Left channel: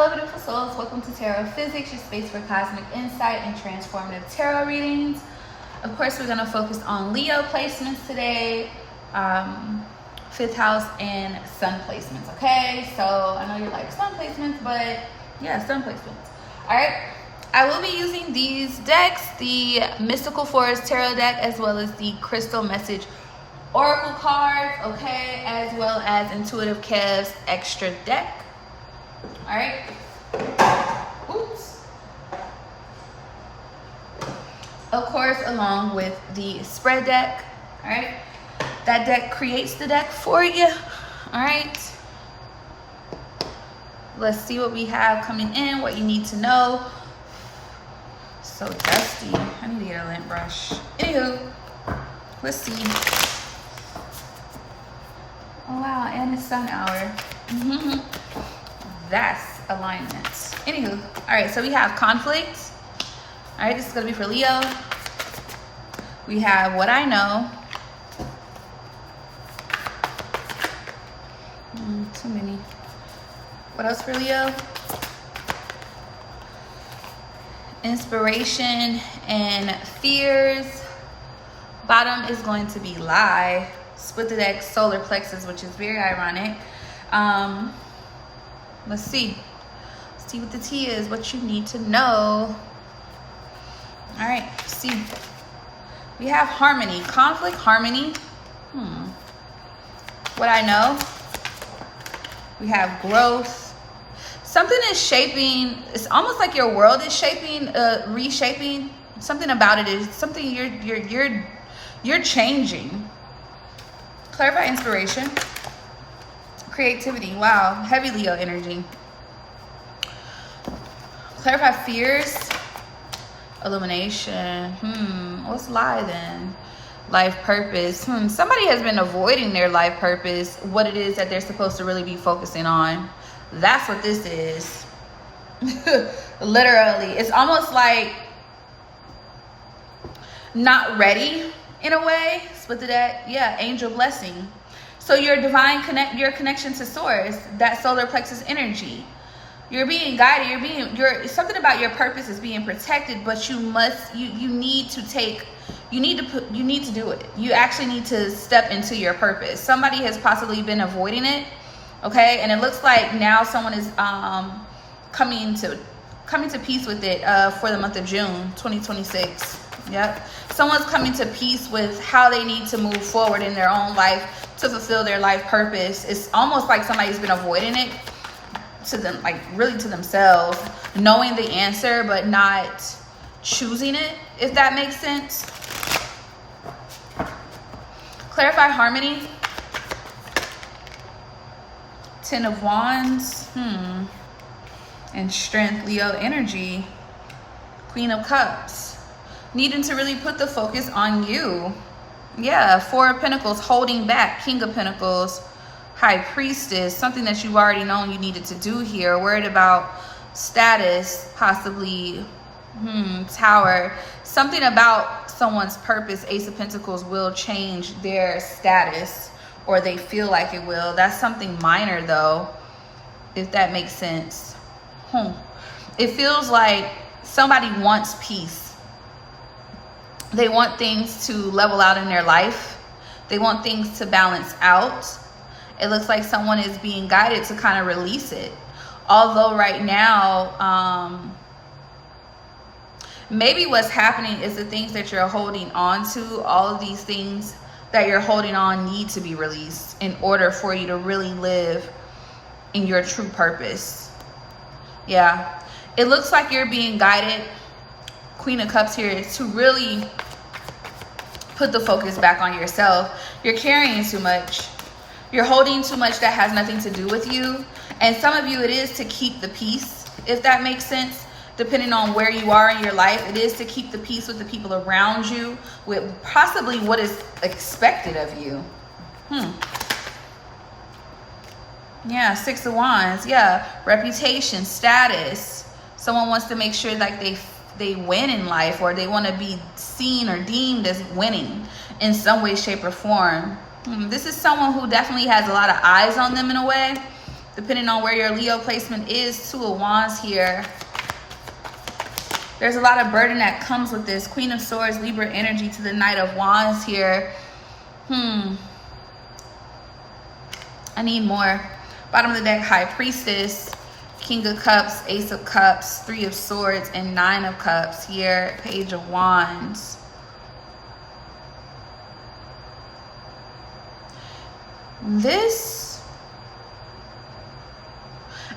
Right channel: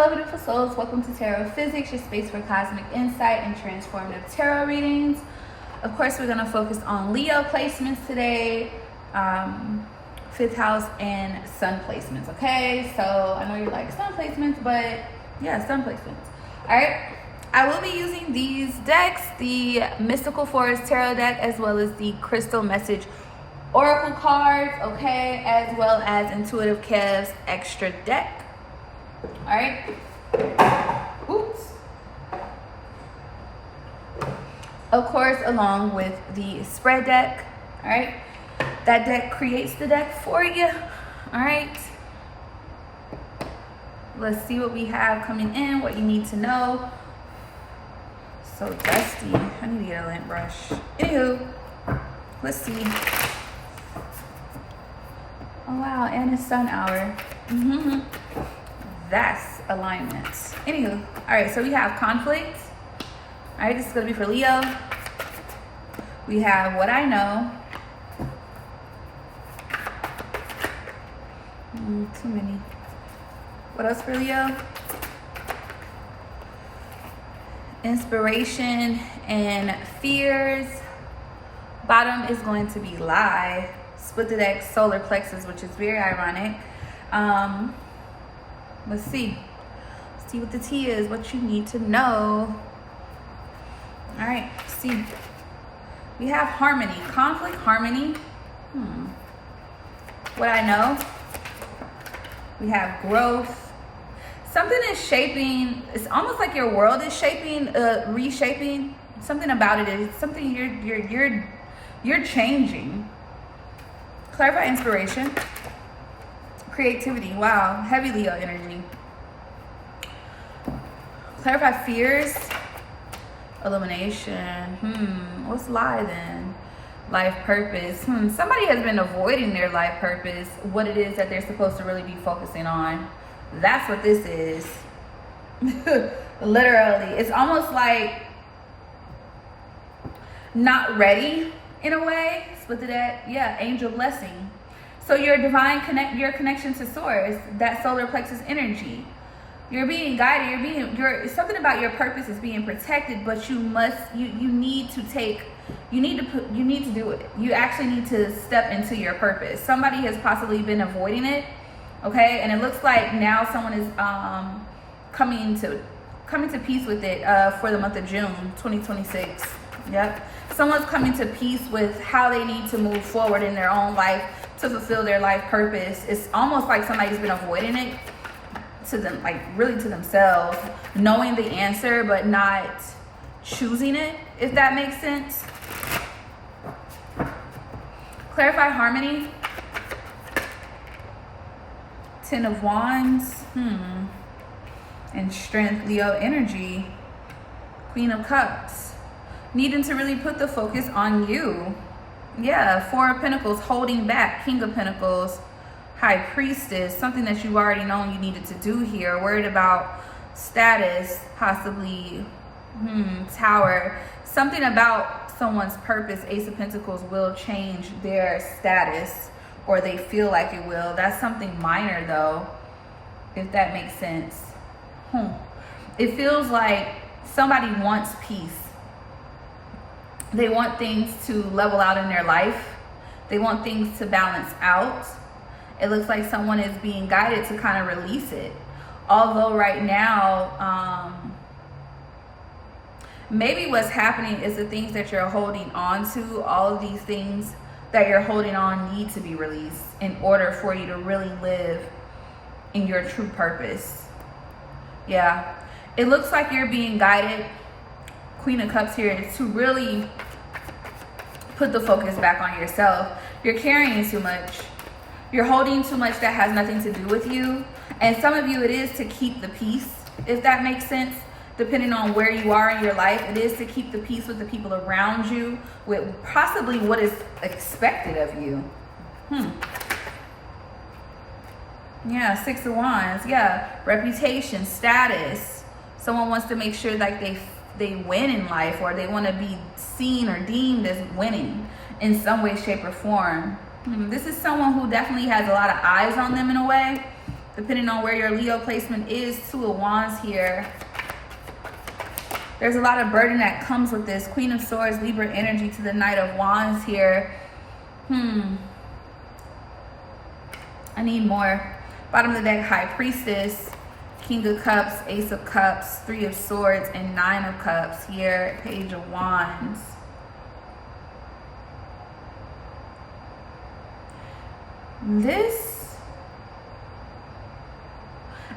Hello, beautiful souls. Welcome to Tarot Physics, your space for cosmic insight and transformative tarot readings. Of course, we're going to focus on Leo placements today, fifth house and sun placements, okay? So I know you're like, sun placements, but yeah, sun placements. All right. I will be using these decks, the Mystical Forest Tarot deck, as well as the Crystal Message Oracle cards, okay? As well as Intuitive Kev's extra deck. All right. Oops. Of course, along with the spread deck. All right. That deck creates the deck for you. All right. Let's see what we have coming in, what you need to know. So dusty. I need to get a lint brush. Anywho, let's see. Oh wow, and it's sun hour. That's alignment. Anywho, all right, so we have conflict. All right, this is gonna be for Leo. We have what I know. Too many. What else for Leo? Inspiration and fears. Bottom is going to be lie. Split the deck, solar plexus, which is very ironic. Let's see. Let's see what the tea is, what you need to know. All right, see. We have harmony, conflict, harmony. What I know. We have growth. Something is shaping. It's almost like your world is shaping, reshaping. Something about it is something you're changing. Clarify inspiration. Creativity. Wow, heavy Leo energy. Clarify fears. Illumination. What's lie then? Life purpose. Somebody has been avoiding their life purpose, what it is that they're supposed to really be focusing on. That's what this is. Literally. It's almost like not ready in a way. Split the deck. Yeah, angel blessing. So your divine your connection to source, that solar plexus energy. You're being guided, something about your purpose is being protected, but you need to do it. You actually need to step into your purpose. Somebody has possibly been avoiding it, okay? And it looks like now someone is coming to peace with it for the month of June 2026. Yep. Someone's coming to peace with how they need to move forward in their own life to fulfill their life purpose. It's almost like somebody's been avoiding it to them, like really to themselves, knowing the answer but not choosing it, if that makes sense. Clarify harmony. Ten of Wands. And strength, Leo energy. Queen of Cups. Needing to really put the focus on you. Yeah, Four of Pentacles, holding back. King of Pentacles, High Priestess, something that you've already known you needed to do here. Worried about status, possibly, Tower. Something about someone's purpose, Ace of Pentacles, will change their status, or they feel like it will. That's something minor though, if that makes sense. It feels like somebody wants peace. They want things to level out in their life. They want things to balance out. It looks like someone is being guided to kind of release it. Although right now, maybe what's happening is the things that you're holding on to, all of these things that you're holding on need to be released in order for you to really live in your true purpose. Yeah. It looks like you're being guided, Queen of Cups here, to really put the focus back on yourself. You're carrying too much. You're holding too much that has nothing to do with you. And some of you, it is to keep the peace, if that makes sense. Depending on where you are in your life, it is to keep the peace with the people around you, with possibly what is expected of you. Yeah, Six of Wands. Yeah, reputation, status. Someone wants to make sure like they win in life, or they want to be seen or deemed as winning in some way, shape, or form. This is someone who definitely has a lot of eyes on them in a way. depending on where your Leo placement is. Two of Wands here. There's a lot of burden that comes with this. Queen of Swords, Libra energy to the Knight of Wands here. I need more. Bottom of the deck, High Priestess, King of Cups, Ace of Cups, Three of Swords, and Nine of Cups here. Page of Wands. This,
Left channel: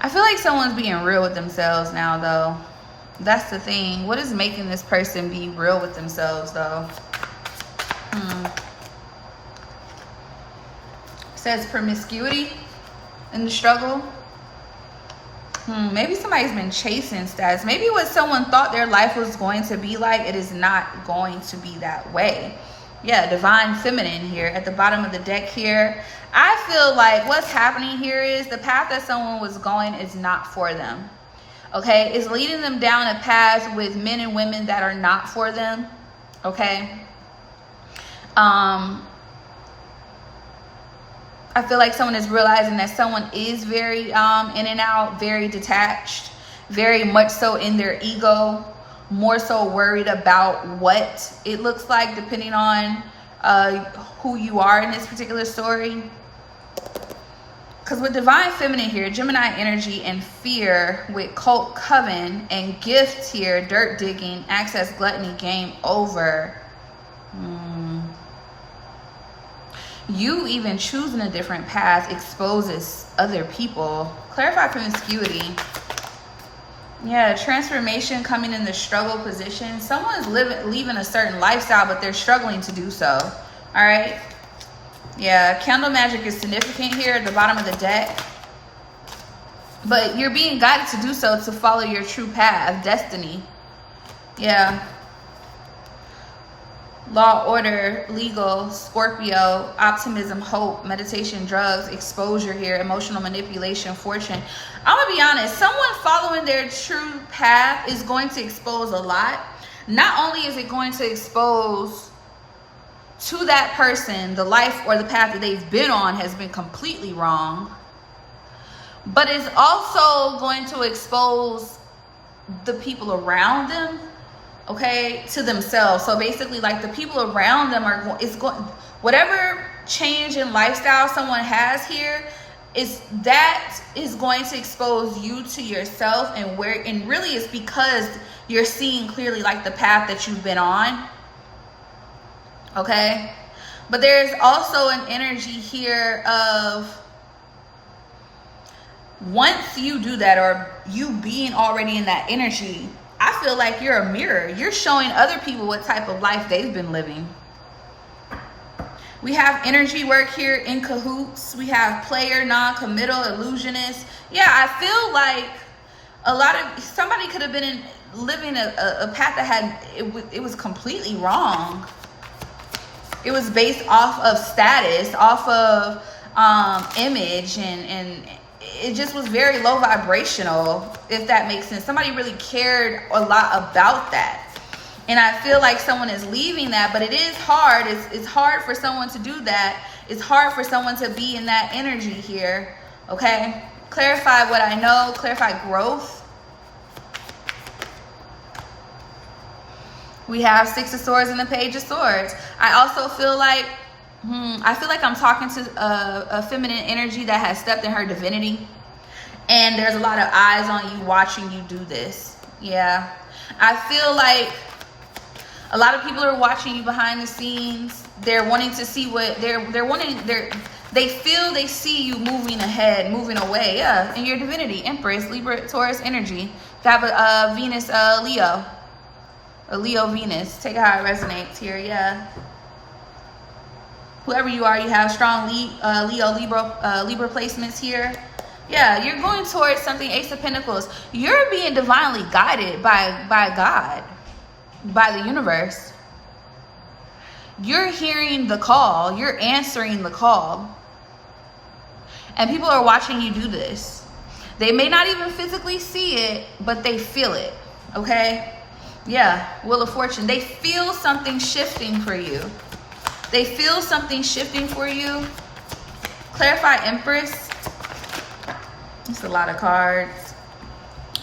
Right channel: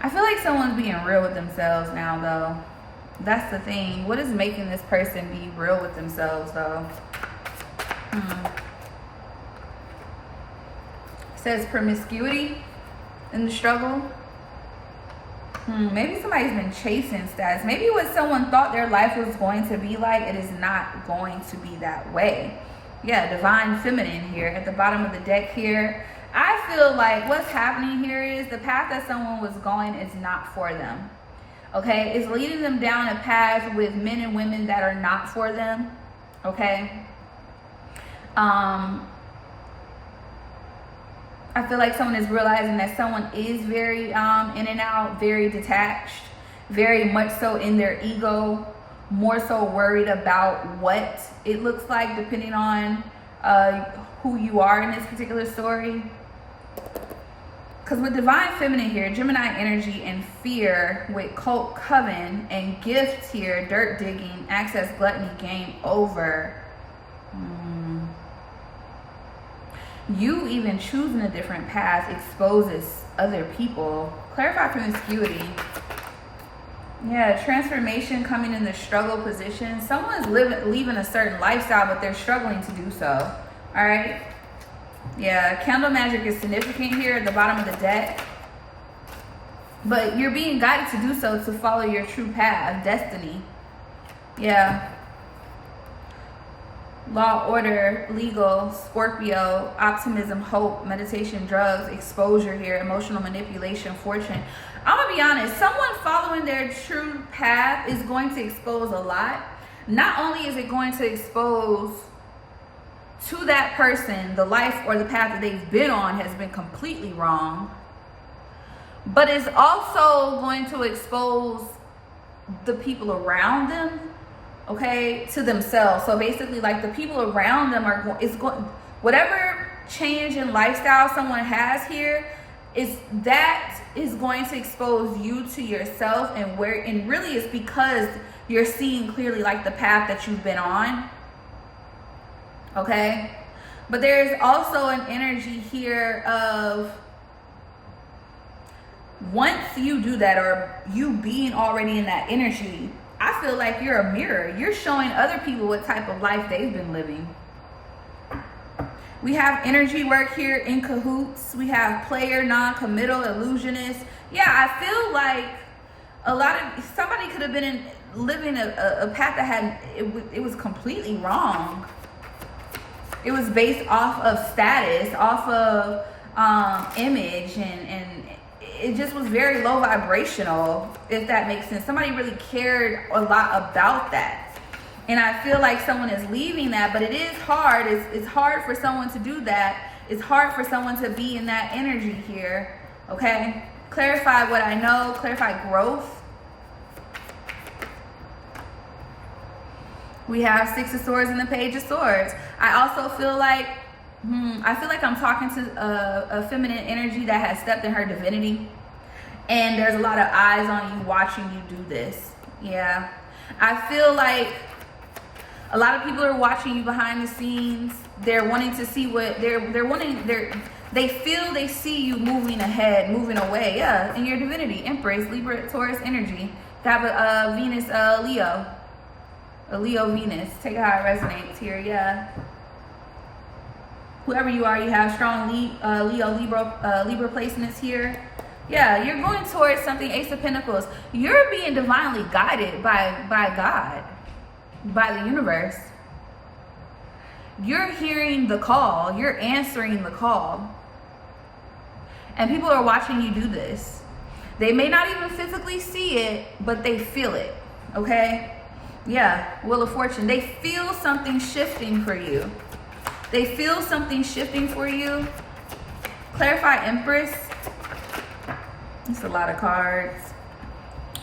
I feel like someone's being real with themselves now, though. That's the thing. What is making this person be real with themselves, though? Says promiscuity in the struggle. Maybe somebody's been chasing status. Maybe what someone thought their life was going to be like, it is not going to be that way. Yeah, divine feminine here at the bottom of the deck here. I feel like what's happening here is the path that someone was going is not for them. Okay, it's leading them down a path with men and women that are not for them. Okay. I feel like someone is realizing that someone is very in and out, very detached, very much so in their ego, more so worried about what it looks like depending on who you are in this particular story. Because with divine feminine here, Gemini energy and fear with cult coven and gift here, dirt digging, access, gluttony, game over. You even choosing a different path exposes other people. Clarify promiscuity. Yeah, transformation coming in the struggle position. Someone's leaving a certain lifestyle, but they're struggling to do so. All right. Yeah, candle magic is significant here at the bottom of the deck. But you're being guided to do so, to follow your true path, destiny. Yeah. Law, order, legal, Scorpio, optimism, hope, meditation, drugs, exposure here, emotional manipulation, fortune. I'm gonna be honest, someone following their true path is going to expose a lot. Not only is it going to expose to that person the life or the path that they've been on has been completely wrong, but it's also going to expose the people around them, okay, to themselves. So basically, like, the people around them are whatever change in lifestyle someone has here is going to expose you to yourself, and really it's because you're seeing clearly like the path that you've been on. Okay, but there's also an energy here of once you do that, or you being already in that energy, I feel like you're a mirror. You're showing other people what type of life they've been living. We have energy work here, in cahoots. We have player, non-committal, illusionist. Yeah, I feel like somebody could have been living a path that it was completely wrong. It was based off of status, off of image, and it just was very low vibrational, if that makes sense. Somebody really cared a lot about that. And I feel like someone is leaving that, but it is hard. It's hard for someone to do that. It's hard for someone to be in that energy here, okay? Clarify what I know, clarify growth. We have Six of Swords and the Page of Swords. I also feel like, I'm talking to a feminine energy that has stepped in her divinity. And there's a lot of eyes on you watching you do this. Yeah. I feel like a lot of people are watching you behind the scenes. They're wanting to see what they feel they see you moving ahead, moving away. Yeah, in your divinity. Empress, Libra, Taurus energy. Have a Venus, Leo. A Leo Venus. Take it how it resonates here. Yeah. Whoever you are, you have strong Leo, Libra placements here. Yeah, you're going towards something. Ace of Pentacles. You're being divinely guided by God, by the universe. You're hearing the call. You're answering the call. And people are watching you do this. They may not even physically see it, but they feel it. Okay? Yeah, Wheel of Fortune. They feel something shifting for you. They feel something shifting for you. Clarify Empress. It's a lot of cards.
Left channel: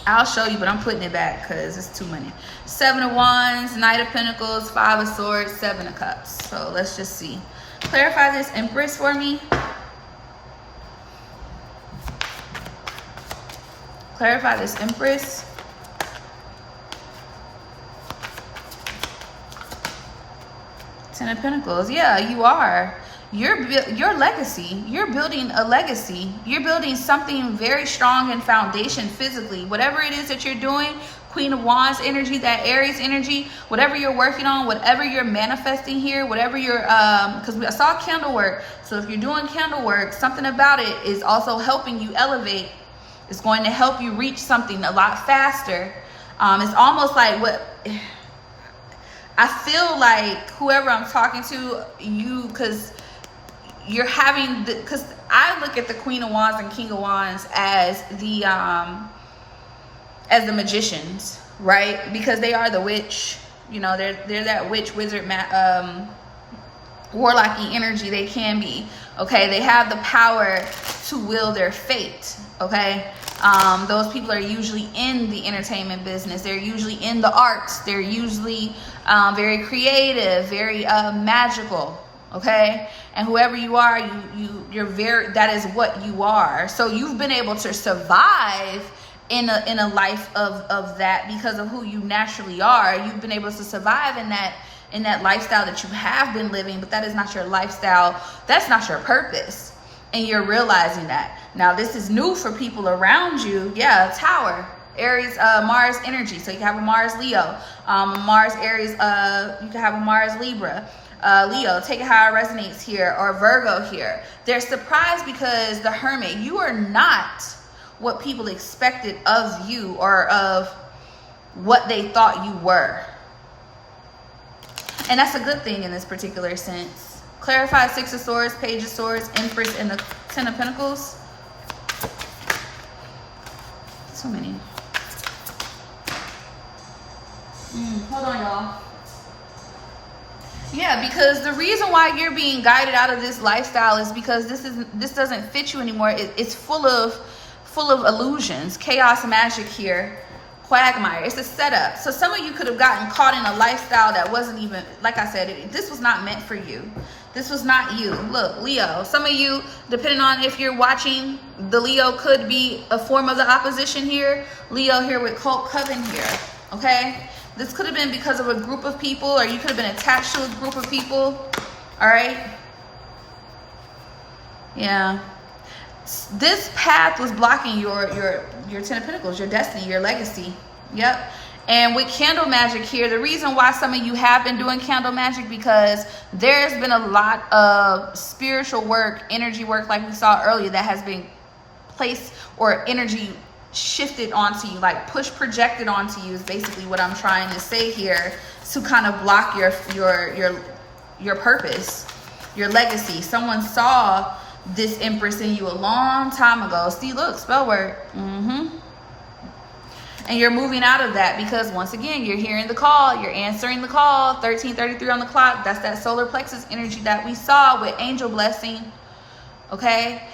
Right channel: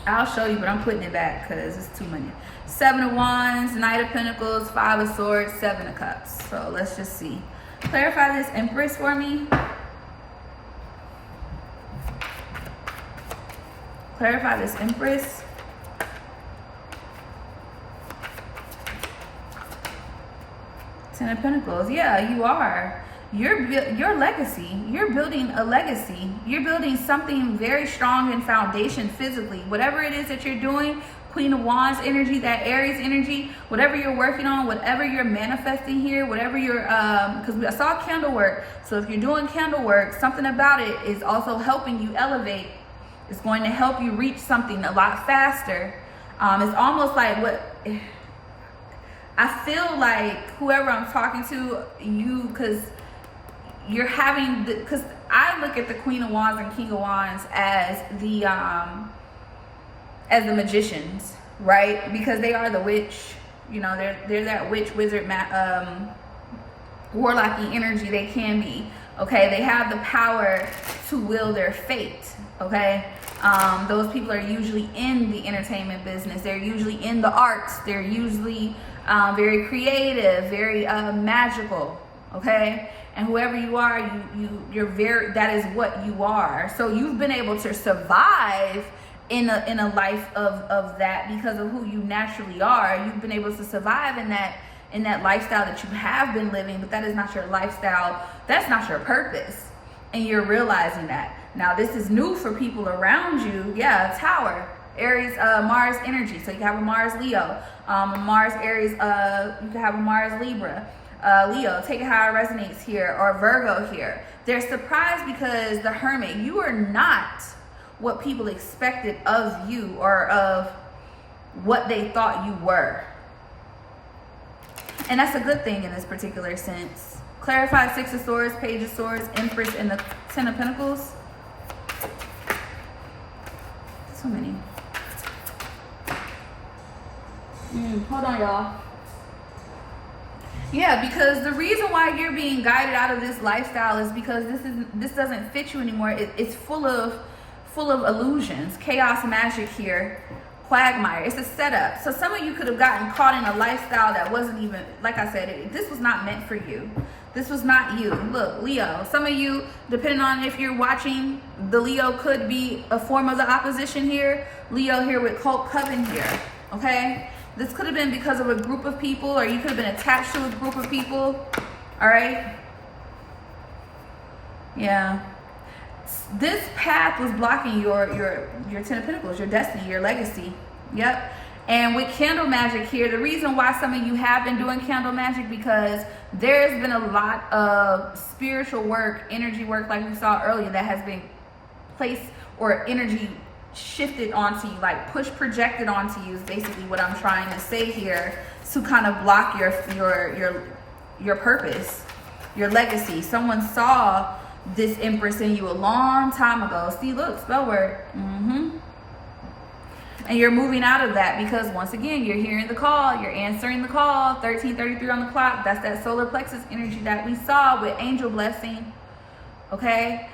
I'll show you, but I'm putting it back because it's too many. 7 of Wands, Knight of Pentacles, 5 of Swords, 7 of Cups. So let's just see. Clarify this Empress for me. Clarify this Empress. Ten of Pentacles. Yeah, you are. Your legacy. You're building a legacy. You're building something very strong in foundation physically. Whatever it is that you're doing, Queen of Wands energy, that Aries energy, whatever you're working on, whatever you're manifesting here, whatever you're, because I saw candle work. So if you're doing candle work, something about it is also helping you elevate. It's going to help you reach something a lot faster. It's almost like what I feel like whoever I'm talking to, because you're having, because I look at the Queen of Wands and King of Wands as the magicians, right? Because they are the witch, you know, they're that witch, wizard, warlocky energy. They can be, okay? They have the power to will their fate, okay? Those people are usually in the entertainment business. They're usually in the arts. They're usually very creative, very magical, okay? And whoever you are, you're very, that is what you are. So you've been able to survive in a life of that because of who you naturally are. You've been able to survive in that lifestyle that you have been living, but that is not your lifestyle. That's not your purpose. And you're realizing that. Now, this is new for people around you. Yeah, Tower, Aries, Mars energy. So you can have a Mars Leo, Mars Aries, you can have a Mars Libra. Leo, take it how it resonates here, or Virgo here. They're surprised because the Hermit, you are not what people expected of you or of what they thought you were. And that's a good thing in this particular sense. Clarify 6 of Swords, Page of Swords, Empress, and the 10 of Pentacles. So many. Hold on, y'all. Yeah, because the reason why you're being guided out of this lifestyle is because this doesn't fit you anymore. It's full of illusions, chaos, magic here, quagmire. It's a setup. So some of you could have gotten caught in a lifestyle that wasn't even, like I said, this was not meant for you. This was not you. Look, Leo, some of you, depending on if you're watching, the Leo could be a form of the opposition here. Leo here with Cult Coven here, okay? This could have been because of a group of people, or you could have been attached to a group of people, all right? Yeah. This path was blocking your 10 of Pentacles, your destiny, your legacy. Yep. And with candle magic here, the reason why some of you have been doing candle magic, because there's been a lot of spiritual work, energy work, like we saw earlier, that has been placed, or energy shifted onto you, like push projected onto you is basically what I'm trying to say here, to kind of block your purpose, your legacy. Someone saw this Empress in you a long time ago. See, look, spell word. And you're moving out of that because, once again, you're hearing the call, you're answering the call. 1333 on the clock. That's that solar plexus energy that we saw with angel blessing. Okay,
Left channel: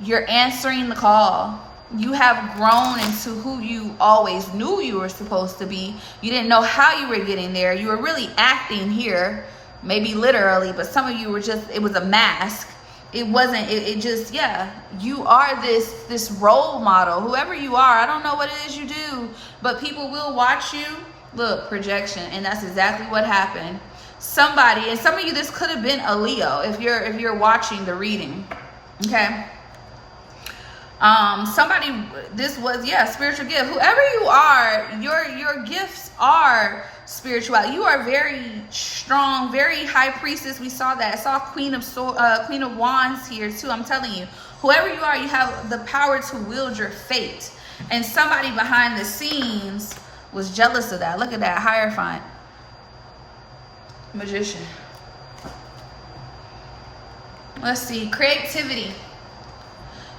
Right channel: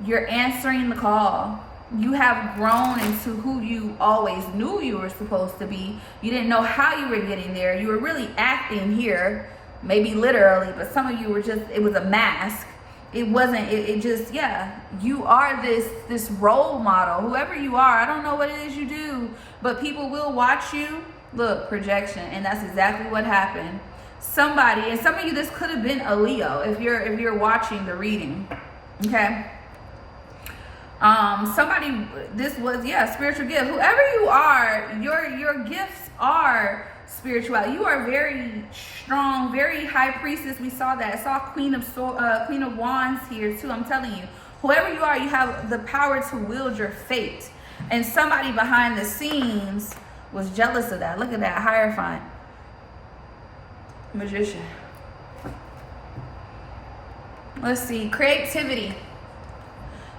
you're answering the call. You have grown into who you always knew you were supposed to be. You didn't know how you were getting there. You were really acting here, maybe literally, but some of you were just, it was a mask. It wasn't, it just, yeah, you are this role model. Whoever you are, I don't know what it is you do, but people will watch you. Look, projection, and that's exactly what happened. Somebody, and some of you, this could have been a Leo if you're watching the reading, okay? Somebody, this was, yeah, spiritual gift. Whoever you are, your gifts are spirituality. You are very strong, very high priestess. We saw that. I saw Queen of Wands here too. I'm telling you, whoever you are, you have the power to wield your fate. And somebody behind the scenes was jealous of that. Look at that, Hierophant, Magician. Let's see, creativity.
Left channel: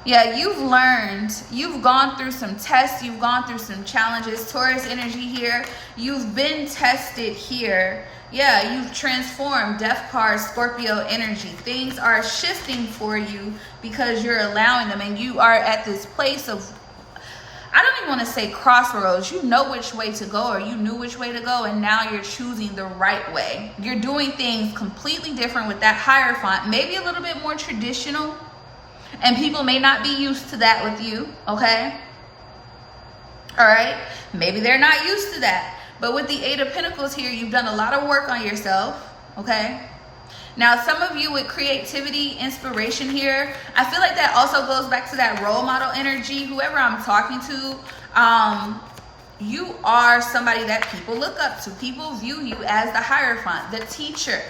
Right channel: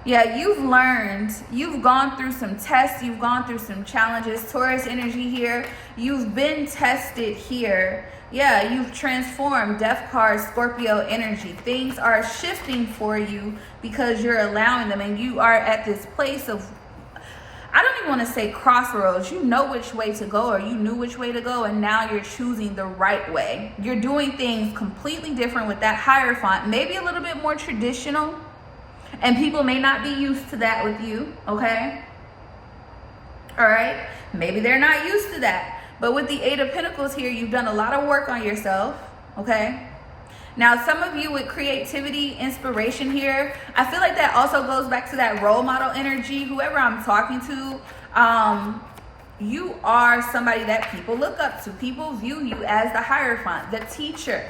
Yeah, you've learned, you've gone through some tests, you've gone through some challenges. Taurus energy here, you've been tested here. Yeah, you've transformed. Death card, Scorpio energy. Things are shifting for you because you're allowing them, and you are at this place of, I don't even want to say crossroads. You know which way to go, or you knew which way to go, and now you're choosing the right way. You're doing things completely different with that Hierophant, maybe a little bit more traditional, and people may not be used to that with you, okay? All right, maybe they're not used to that. But with the Eight of Pentacles here, you've done a lot of work on yourself, okay? Now, some of you with creativity, inspiration here, I feel like that also goes back to that role model energy. Whoever I'm talking to, you are somebody that people look up to. People view you as the Hierophant, the teacher,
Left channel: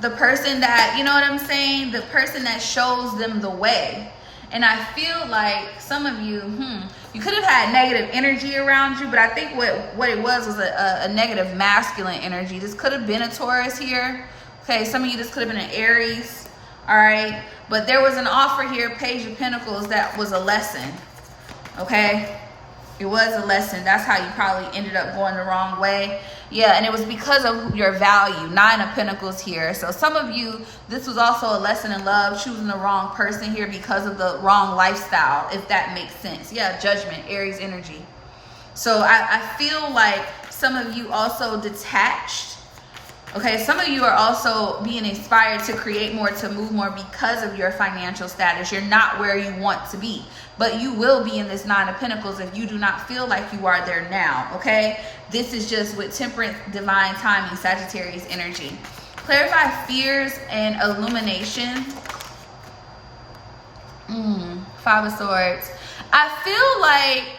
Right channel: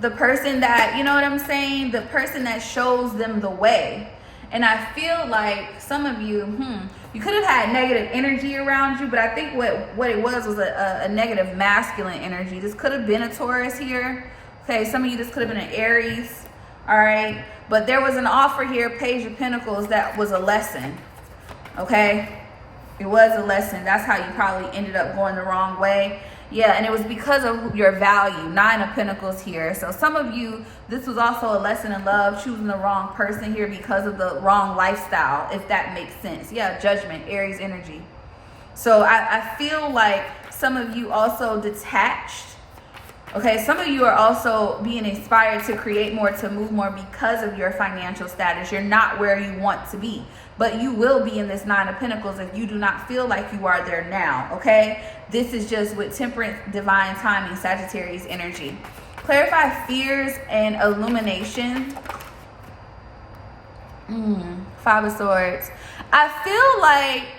the person that, you know what I'm saying? The person that shows them the way. And I feel like some of you, you could have had negative energy around you, but I think what it was a negative masculine energy. This could have been a Taurus here. Okay, some of you, this could have been an Aries. All right, but there was an offer here, Page of Pentacles, that was a lesson. Okay, it was a lesson. That's how you probably ended up going the wrong way. Yeah, and it was because of your value. Nine of Pentacles here. So some of you, this was also a lesson in love, choosing the wrong person here because of the wrong lifestyle, if that makes sense. Yeah, Judgment, Aries energy. So I feel like some of you also detached. Okay, some of you are also being inspired to create more, to move more because of your financial status. You're not where you want to be, but you will be in this Nine of Pentacles if you do not feel like you are there now, okay? This is just with Temperance, Divine Timing, Sagittarius energy. Clarify fears and illumination. Five of Swords. I feel like...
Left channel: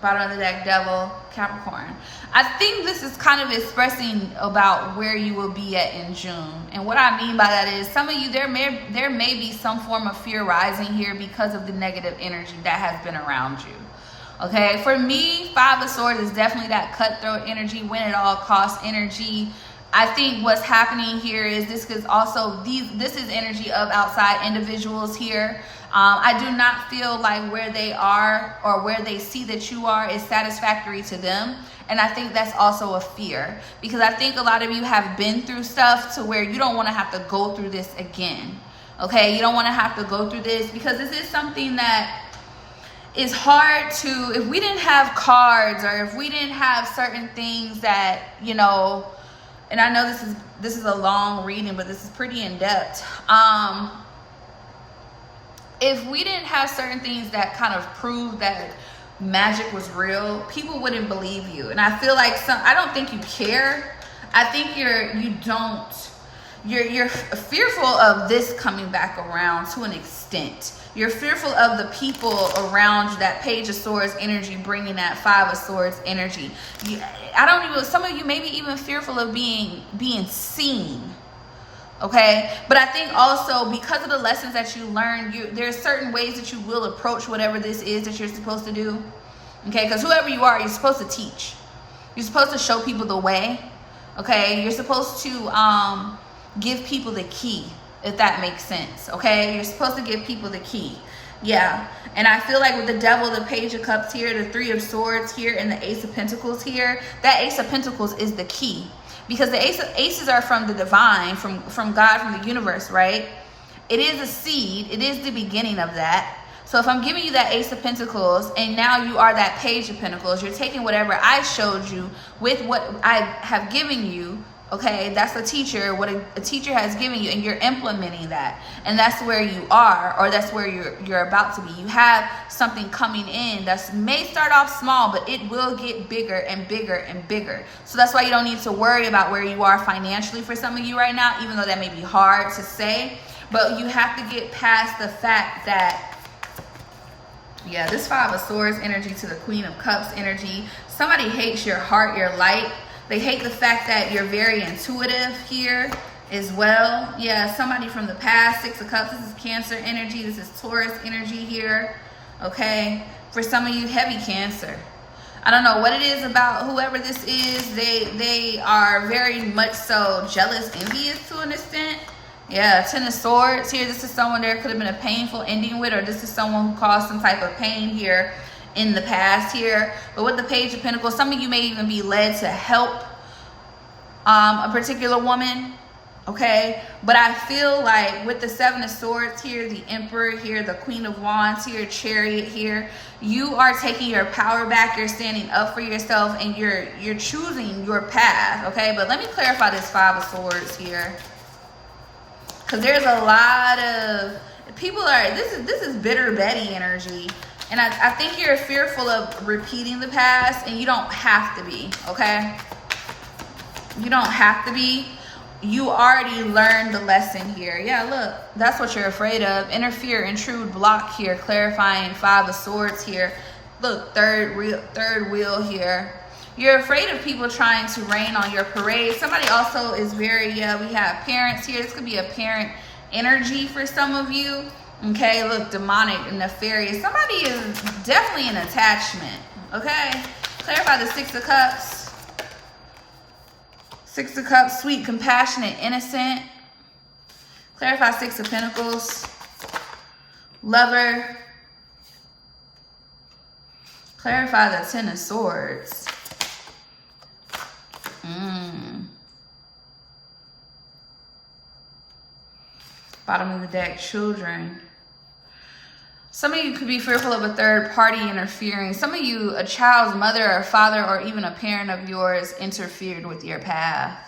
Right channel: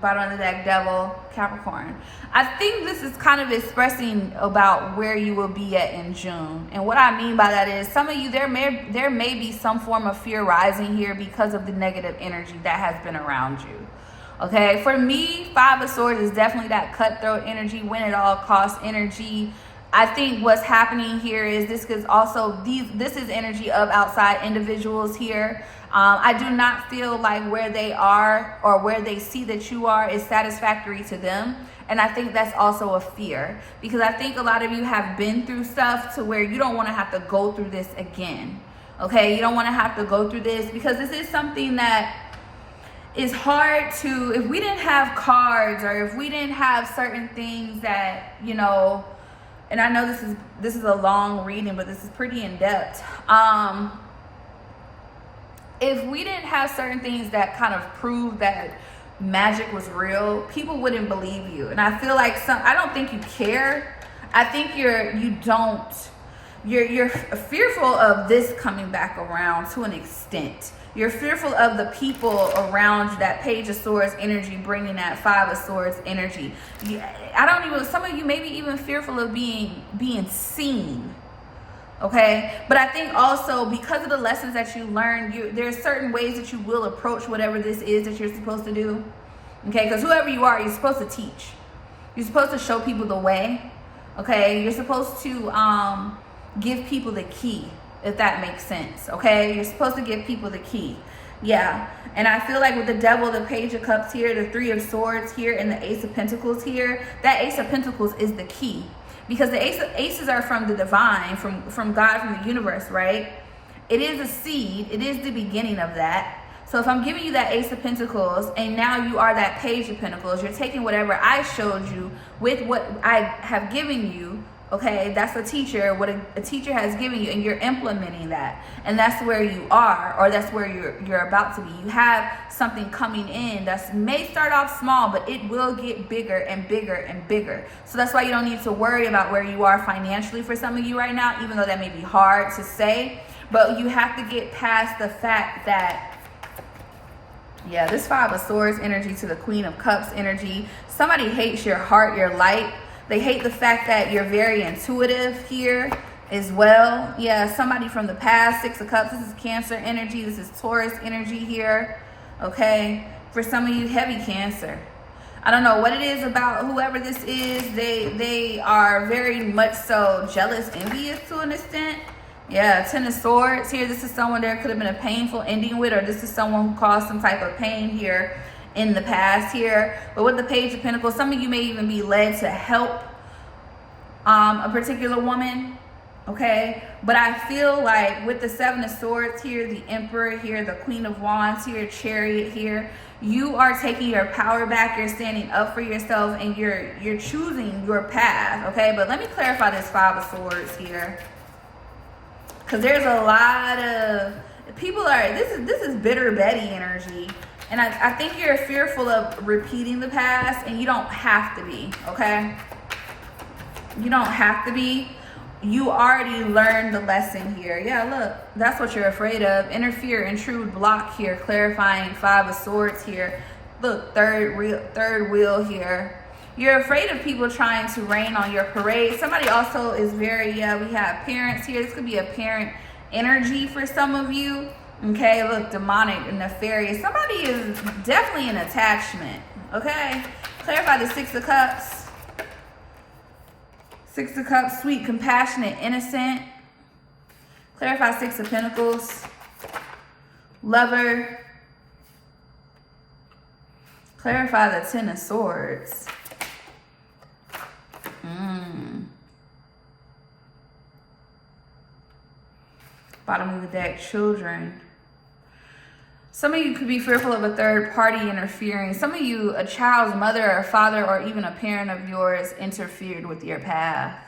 bottom of the deck, Devil, Capricorn. I think this is kind of expressing about where you will be at in June. And what I mean by that is, some of you, there may be some form of fear rising here because of the negative energy that has been around you. Okay, for me, Five of Swords is definitely that cutthroat energy, win at all costs energy. I think what's happening here is this is also this is energy of outside individuals here. I do not feel like where they are or where they see that you are is satisfactory to them. And I think that's also a fear, because I think a lot of you have been through stuff to where you don't want to have to go through this again. Okay, you don't want to have to go through this, because this is something that is hard to, if we didn't have cards, or if we didn't have certain things that, you know, and I know this is a long reading, but this is pretty in depth. If we didn't have certain things that kind of prove that magic was real, people wouldn't believe you. And I feel like I don't think you care. I think you're fearful of this coming back around to an extent. You're fearful of the people around you, that Page of Swords energy bringing that Five of Swords energy. Some of you may be even fearful of being seen. Okay, but I think also because of the lessons that you learned, there's certain ways that you will approach whatever this is that you're supposed to do. Okay, because whoever you are, you're supposed to teach. You're supposed to show people the way. Okay, you're supposed to give people the key, if that makes sense. Okay, you're supposed to give people the key. Yeah, and I feel like with the Devil, the Page of Cups here, the Three of Swords here, and the Ace of Pentacles here, that Ace of Pentacles is the key. Because the aces are from the divine, from God, from the universe, right? It is a seed. It is the beginning of that. So if I'm giving you that Ace of Pentacles, and now you are that Page of Pentacles, you're taking whatever I showed you with what I have given you. Okay, that's a teacher, what a teacher has given you, and you're implementing that. And that's where you are, or that's where you're about to be. You have something coming in that may start off small, but it will get bigger and bigger and bigger. So that's why you don't need to worry about where you are financially for some of you right now, even though that may be hard to say. But you have to get past the fact that, yeah, this Five of Swords energy to the Queen of Cups energy. Somebody hates your heart, your light. They hate the fact that you're very intuitive here as well. Yeah, somebody from the past. Six of Cups. This is Cancer energy. This is Taurus energy here. Okay. For some of you, heavy Cancer. I don't know what it is about whoever this is. They are very much so jealous, envious to an extent. Yeah, Ten of Swords here. This is someone there could have been a painful ending with, or this is someone who caused some type of pain here in the past here. But with the Page of Pentacles, some of you may even be led to help a particular woman, okay? But I feel like with the Seven of Swords here, the Emperor here, the Queen of Wands here, Chariot here, you are taking your power back. You're standing up for yourself, and you're choosing your path, okay? But let me clarify this Five of Swords here, because there's a lot of people are, this is bitter Betty energy. And I think you're fearful of repeating the past, and you don't have to be, okay? You don't have to be. You already learned the lesson here. Yeah, look, that's what you're afraid of. Interfere, intrude, block here, clarifying Five of Swords here. Look, third wheel here. You're afraid of people trying to rain on your parade. Somebody also is very, yeah, we have parents here. This could be a parent energy for some of you. Okay, look, demonic and nefarious. Somebody is definitely an attachment, okay? Clarify the Six of Cups. Six of Cups, sweet, compassionate, innocent. Clarify Six of Pentacles. Lover. Clarify the Ten of Swords. Bottom of the deck, children. Some of you could be fearful of a third party interfering. Some of you, a child's mother or father or even a parent of yours interfered with your path.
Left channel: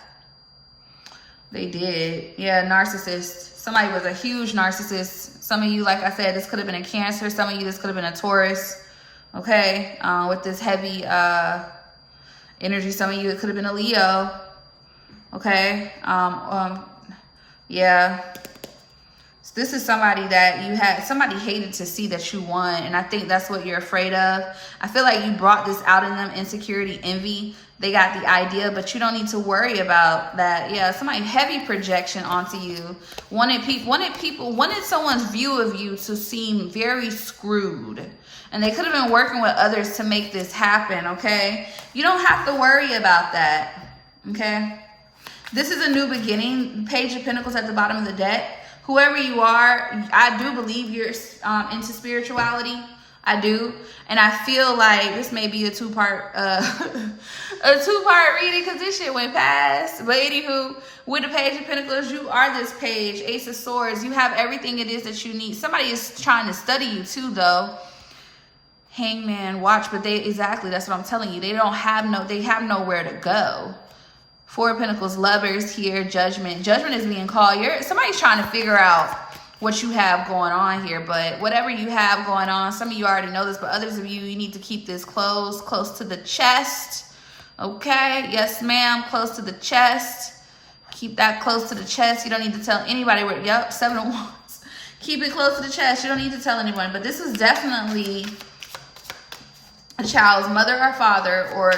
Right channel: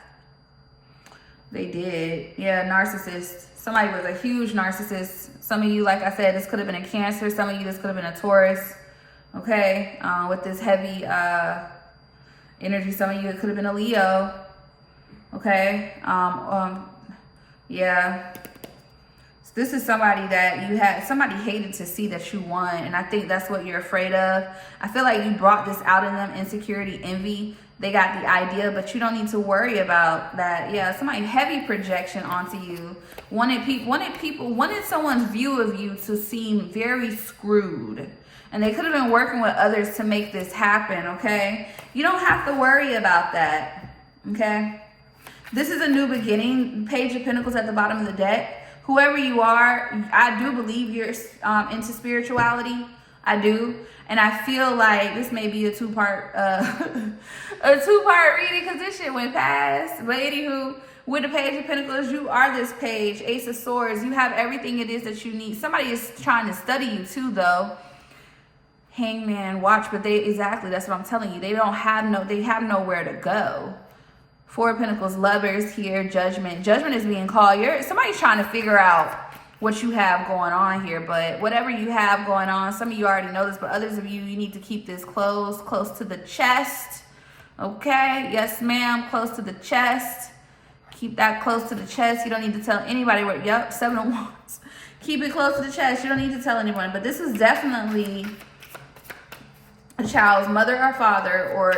They did. Yeah, narcissist. Somebody was a huge narcissist. Some of you, like I said, this could have been a Cancer. Some of you, this could have been a Taurus. Okay, with this heavy energy. Some of you, it could have been a Leo. Okay, yeah. This is somebody that you had, somebody hated to see that you won. And I think that's what you're afraid of. I feel like you brought this out in them, insecurity, envy. They got the idea, but you don't need to worry about that. Yeah, somebody heavy projection onto you. Wanted someone's view of you to seem very screwed. And they could have been working with others to make this happen, okay? You don't have to worry about that, okay? This is a new beginning. Page of Pentacles at the bottom of the deck. Whoever you are, I do believe you're into spirituality. I do. And I feel like this may be a two-part reading, because this shit went past. But anywho, with the Page of Pentacles, you are this page. Ace of Swords. You have everything it is that you need. Somebody is trying to study you too, though. Hangman, watch, but exactly, that's what I'm telling you. They have nowhere to go. Four of Pentacles, Lovers here, Judgment. Judgment is being called. Somebody's trying to figure out what you have going on here. But whatever you have going on, some of you already know this, but others of you, you need to keep this close to the chest. Okay? Yes, ma'am. Close to the chest. Keep that close to the chest. You don't need to tell anybody where. Yep, Seven of Wands. Keep it close to the chest. You don't need to tell anyone. But this is definitely a child's mother or father or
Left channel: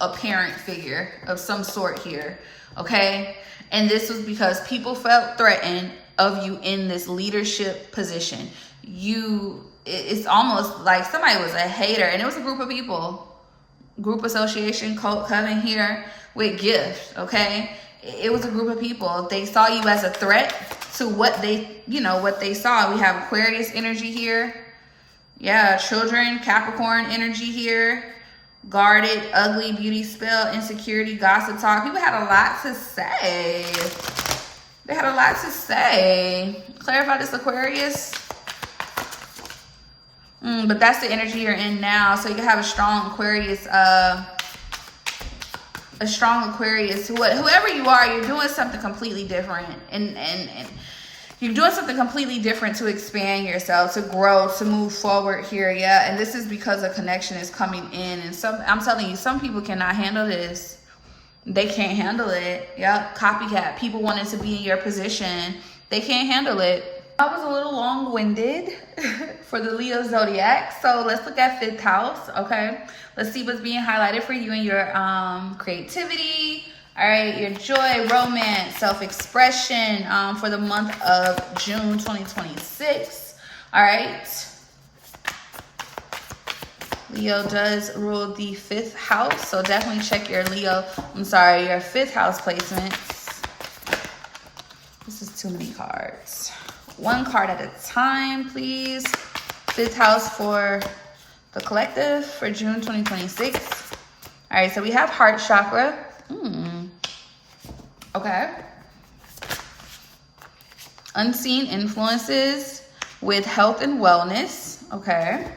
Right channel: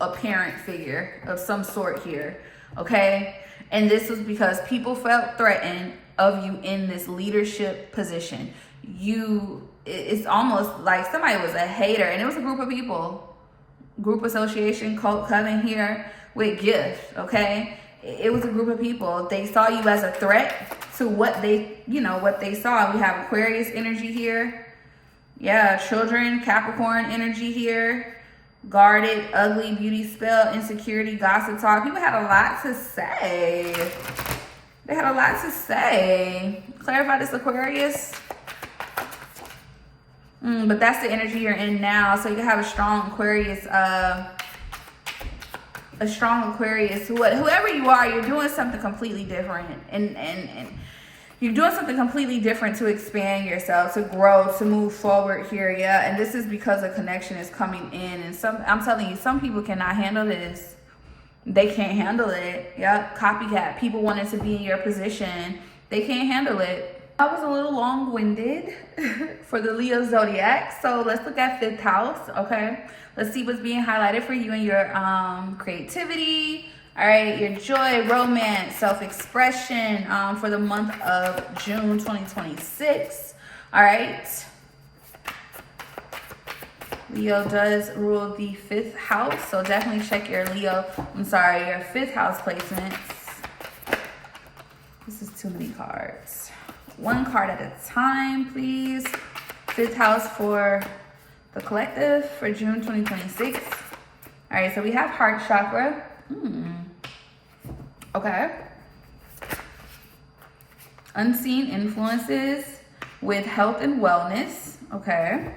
a parent figure of some sort here, okay? And this was because people felt threatened of you in this leadership position. It's almost like somebody was a hater, and it was a group of people, group association, cult, coven here with gifts, okay? It was a group of people. They saw you as a threat to what they saw. We have Aquarius energy here. Yeah, children, Capricorn energy here. Guarded, ugly, beauty spell, insecurity, gossip talk. People had a lot to say. They had a lot to say. Clarify this, Aquarius. But that's the energy you're in now. So you can have a strong Aquarius, whoever you are, you're doing something completely different. And you're doing something completely different to expand yourself, to grow, to move forward here, yeah. And this is because a connection is coming in. And I'm telling you, some people cannot handle this. They can't handle it. Yep, copycat. People wanting to be in your position. They can't handle it. I was a little long-winded for the Leo Zodiac. So let's look at 5th house, okay? Let's see what's being highlighted for you in your creativity. All right, your joy, romance, self-expression for the month of June 2026. All right. Leo does rule the 5th house, so definitely check your your 5th house placements. This is too many cards. One card at a time, please. 5th house for the collective for June 2026. All right, so we have heart chakra. Okay. Unseen influences with health and wellness. Okay.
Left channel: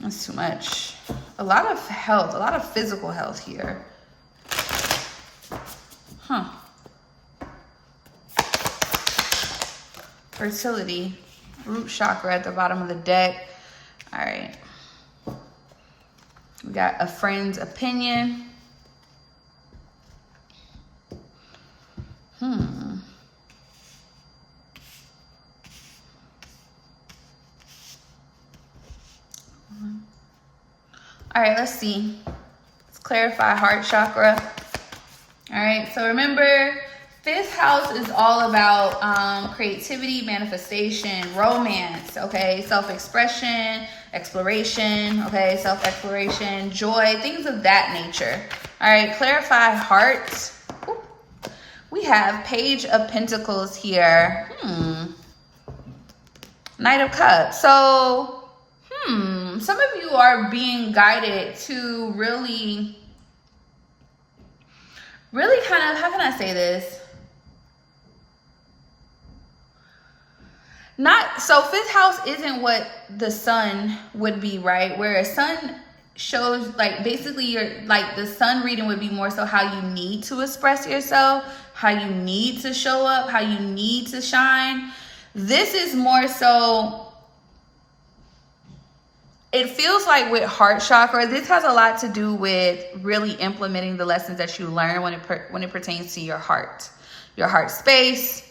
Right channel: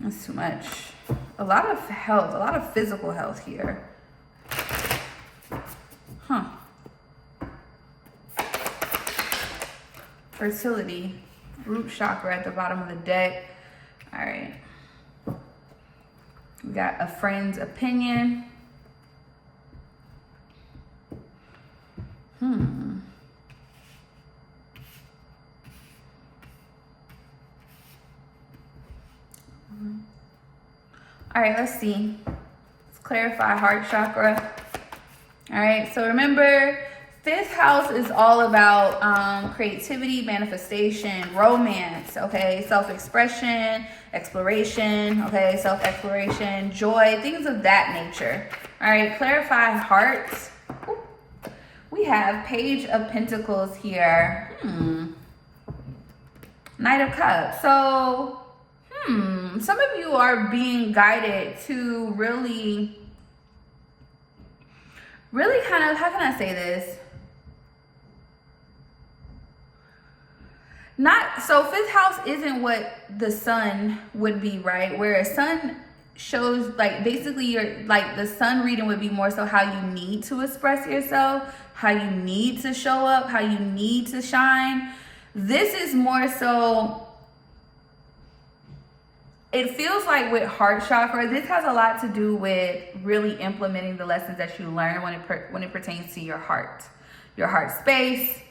That's too much. A lot of health, a lot of physical health here. Huh. Fertility. Root chakra at the bottom of the deck. All right. We got a friend's opinion. All right, let's see. Let's clarify heart chakra. All right, so remember, 5th house is all about creativity, manifestation, romance, okay? Self-expression, exploration, okay? Self-exploration, joy, things of that nature. All right, clarify heart. Ooh. We have Page of Pentacles here. Knight of Cups. So, some of you are being guided to really kind of, how can I say this? So 5th house isn't what the sun would be, right? Whereas sun shows, like, basically the sun reading would be more so how you need to express yourself, how you need to show up, how you need to shine. This is more so, it feels like with heart chakra, this has a lot to do with really implementing the lessons that you learn when it pertains to your heart space,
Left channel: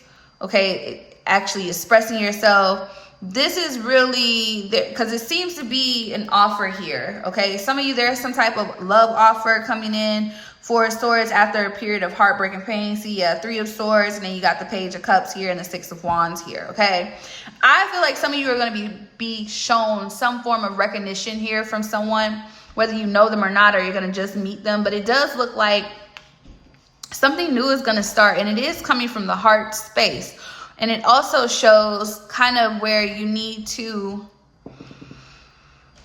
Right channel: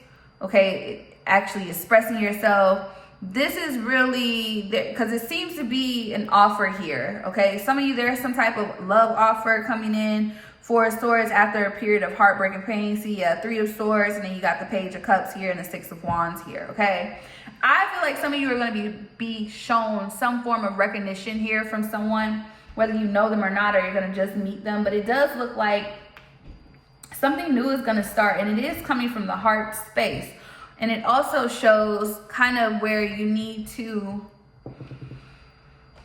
okay? Actually expressing yourself. This is really, because it seems to be an offer here, okay? Some of you, there's some type of love offer coming in. 4 of Swords after a period of heartbreak and pain. See, 3 of Swords, and then you got the Page of Cups here and the 6 of Wands here, okay? I feel like some of you are going to be shown some form of recognition here from someone, whether you know them or not, or you're going to just meet them. But it does look like something new is going to start, and it is coming from the heart space. And it also shows kind of where you need to,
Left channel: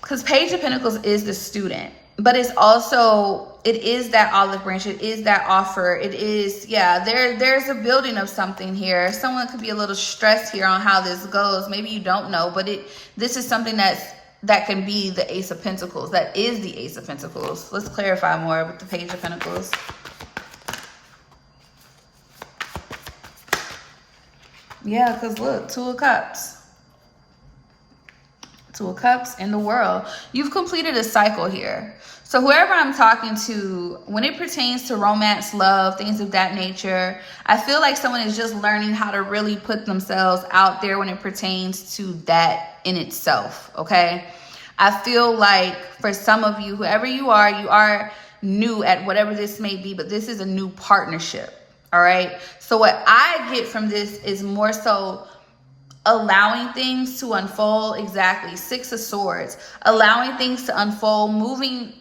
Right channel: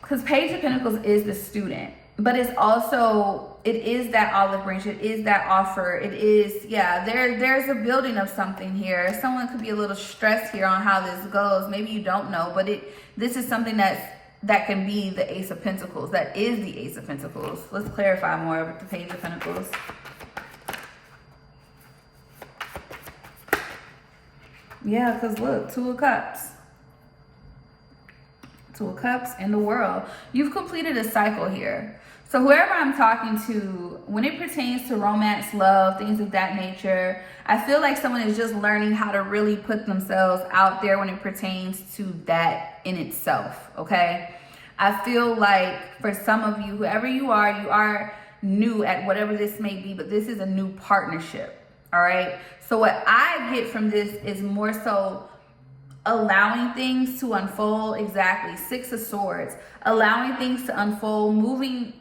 because Page of Pentacles is the student, but it's also, it is that olive branch, it is that offer, it is, yeah, there's a building of something here. Someone could be a little stressed here on how this goes. Maybe you don't know, but this is something that can be the Ace of Pentacles. That is the Ace of Pentacles. Let's clarify more with the Page of Pentacles. Yeah, because look, 2 of Cups. 2 of Cups in the World. You've completed a cycle here. So whoever I'm talking to, when it pertains to romance, love, things of that nature, I feel like someone is just learning how to really put themselves out there when it pertains to that in itself, okay? I feel like for some of you, whoever you are new at whatever this may be, but this is a new partnership, all right? So what I get from this is more so allowing things to unfold. Exactly. 6 of Swords, allowing things to unfold, moving.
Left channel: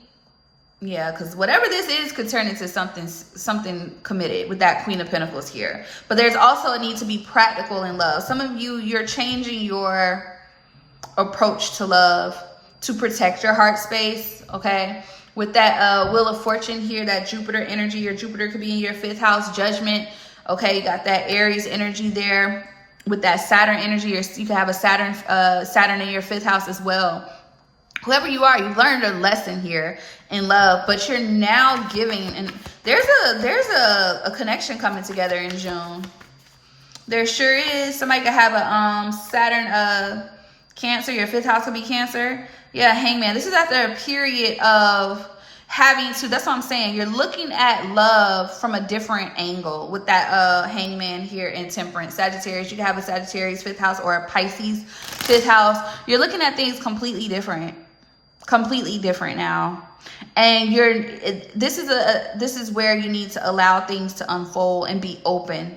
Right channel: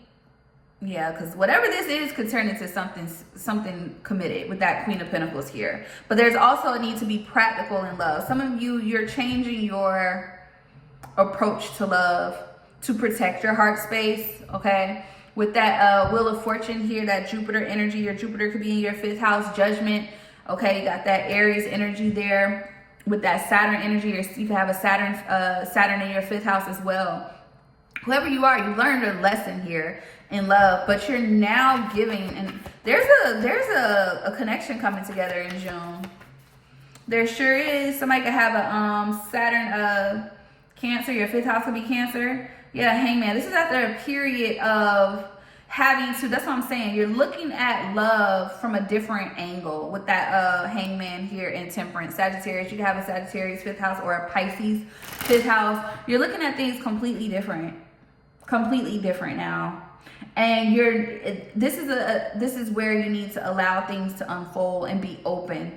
Yeah, because whatever this is could turn into something committed with that Queen of Pentacles here. But there's also a need to be practical in love. Some of you, you're changing your approach to love to protect your heart space, okay? With that Wheel of Fortune here, that Jupiter energy, your Jupiter could be in your 5th house, Judgment, okay? You got that Aries energy there. With that Saturn energy, you can have a Saturn in your 5th house as well. Whoever you are, you've learned a lesson here in love, but you're now giving, and there's a connection coming together in June. There sure is. Somebody could have a Saturn Cancer. Your 5th house could be Cancer. Yeah, Hangman. This is after a period of having to, that's what I'm saying. You're looking at love from a different angle with that Hangman here in Temperance. Sagittarius, you can have a Sagittarius 5th house or a Pisces 5th house. You're looking at things completely different now. And this is where you need to allow things to unfold and be open.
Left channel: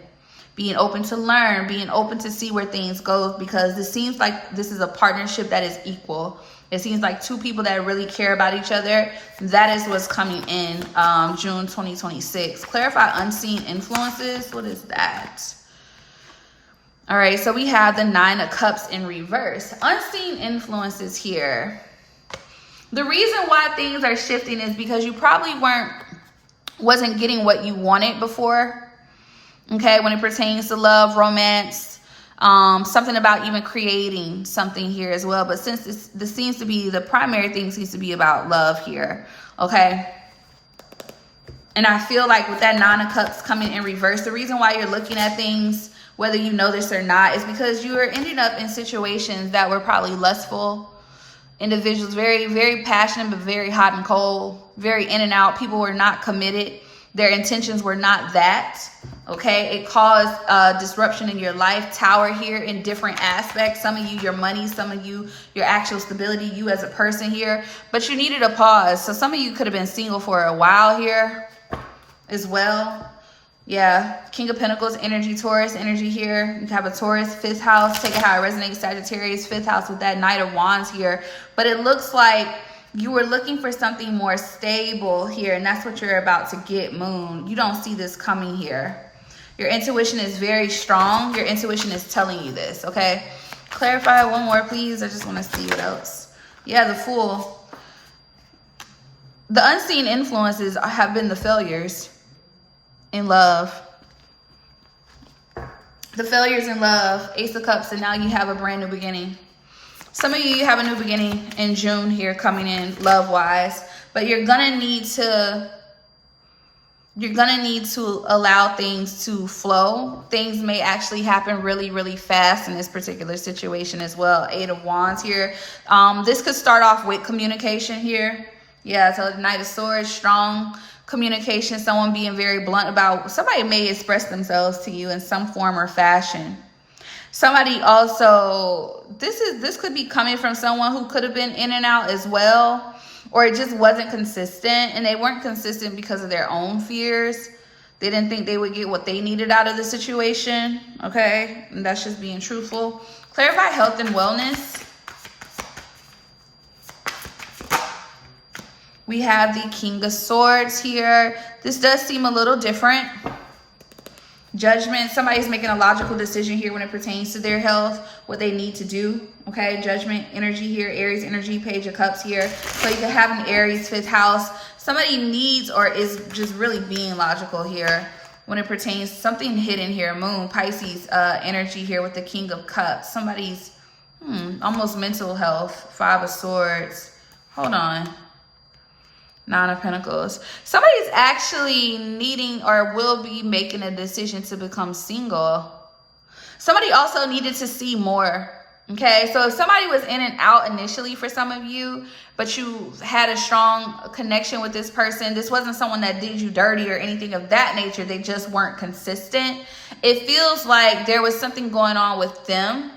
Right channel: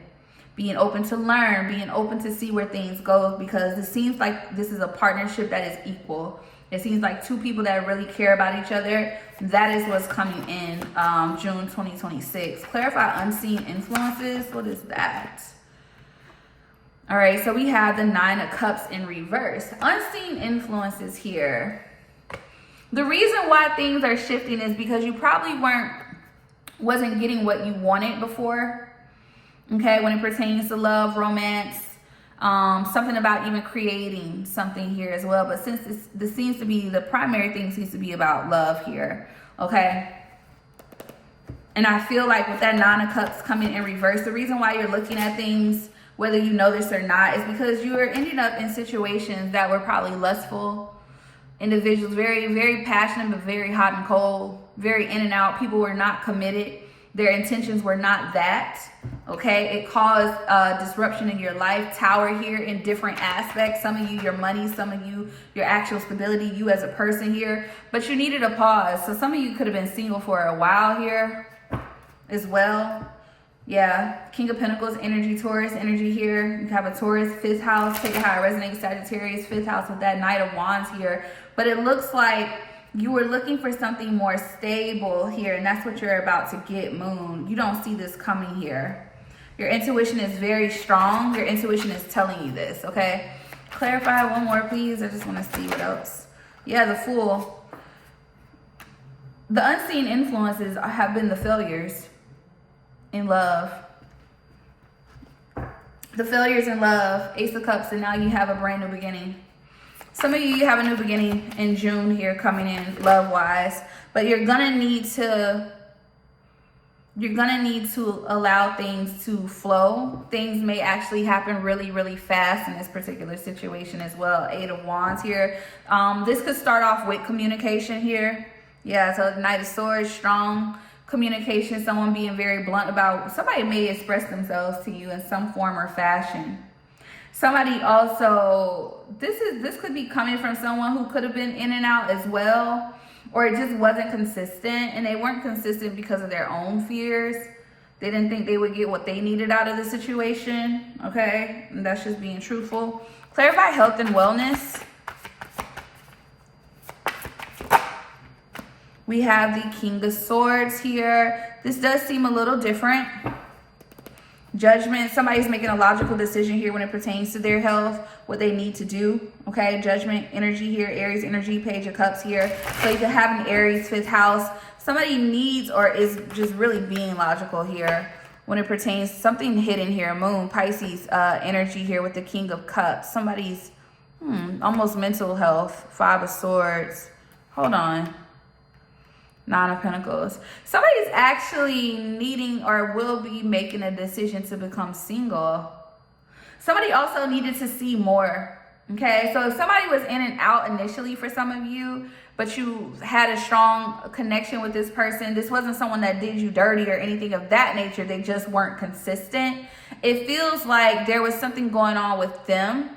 Being open to learn, being open to see where things go, because it seems like this is a partnership that is equal. It seems like two people that really care about each other. That is what's coming in June 2026. Clarify unseen influences. What is that? All right, so we have the 9 of Cups in reverse. Unseen influences here. The reason why things are shifting is because you probably wasn't getting what you wanted before. Okay, when it pertains to love, romance, something about even creating something here as well. But since this seems to be the primary thing, seems to be about love here. Okay. And I feel like with that 9 of Cups coming in reverse, the reason why you're looking at things, whether you know this or not, is because you are ending up in situations that were probably lustful individuals, very, very passionate, but very hot and cold, very in and out. People were not committed. Their intentions were not that. Okay, it caused disruption in your life. Tower here in different aspects. Some of you, your money, some of you, your actual stability, you as a person here. But you needed a pause. So some of you could have been single for a while here as well. Yeah, King of Pentacles energy, Taurus energy here. You have a Taurus, 5th house. Take it how it resonates, Sagittarius, 5th house with that Knight of Wands here. But it looks like you were looking for something more stable here, and that's what you're about to get, Moon. You don't see this coming here. Your intuition is very strong. Your intuition is telling you this, okay? Clarify one more, please. I just want to see what else. Yeah, the Fool. The unseen influences have been the failures in love. The failures in love, Ace of Cups, and now you have a brand new beginning. Some of you have a new beginning in June here coming in love-wise, but you're gonna need to allow things to flow. Things may actually happen really, really fast in this particular situation as well. 8 of Wands here. This could start off with communication here. Yeah, so Knight of Swords, strong communication, someone being very blunt about, somebody may express themselves to you in some form or fashion. Somebody also, this could be coming from someone who could have been in and out as well, or it just wasn't consistent, and they weren't consistent because of their own fears. They didn't think they would get what they needed out of the situation, okay? And that's just being truthful. Clarify health and wellness. We have the King of Swords here. This does seem a little different. Judgment. Somebody's making a logical decision here when it pertains to their health, what they need to do. Okay, Judgment energy here, Aries energy, Page of Cups here. So you could have an Aries 5th house. Somebody needs or is just really being logical here when it pertains to something hidden here. Moon, Pisces energy here with the King of Cups. Somebody's almost mental health. 5 of Swords. Hold on. 9 of Pentacles. Somebody's actually needing or will be making a decision to become single. Somebody also needed to see more. Okay, so if somebody was in and out initially for some of you, but you had a strong connection with this person, this wasn't someone that did you dirty or anything of that nature. They just weren't consistent. It feels like there was something going on with them.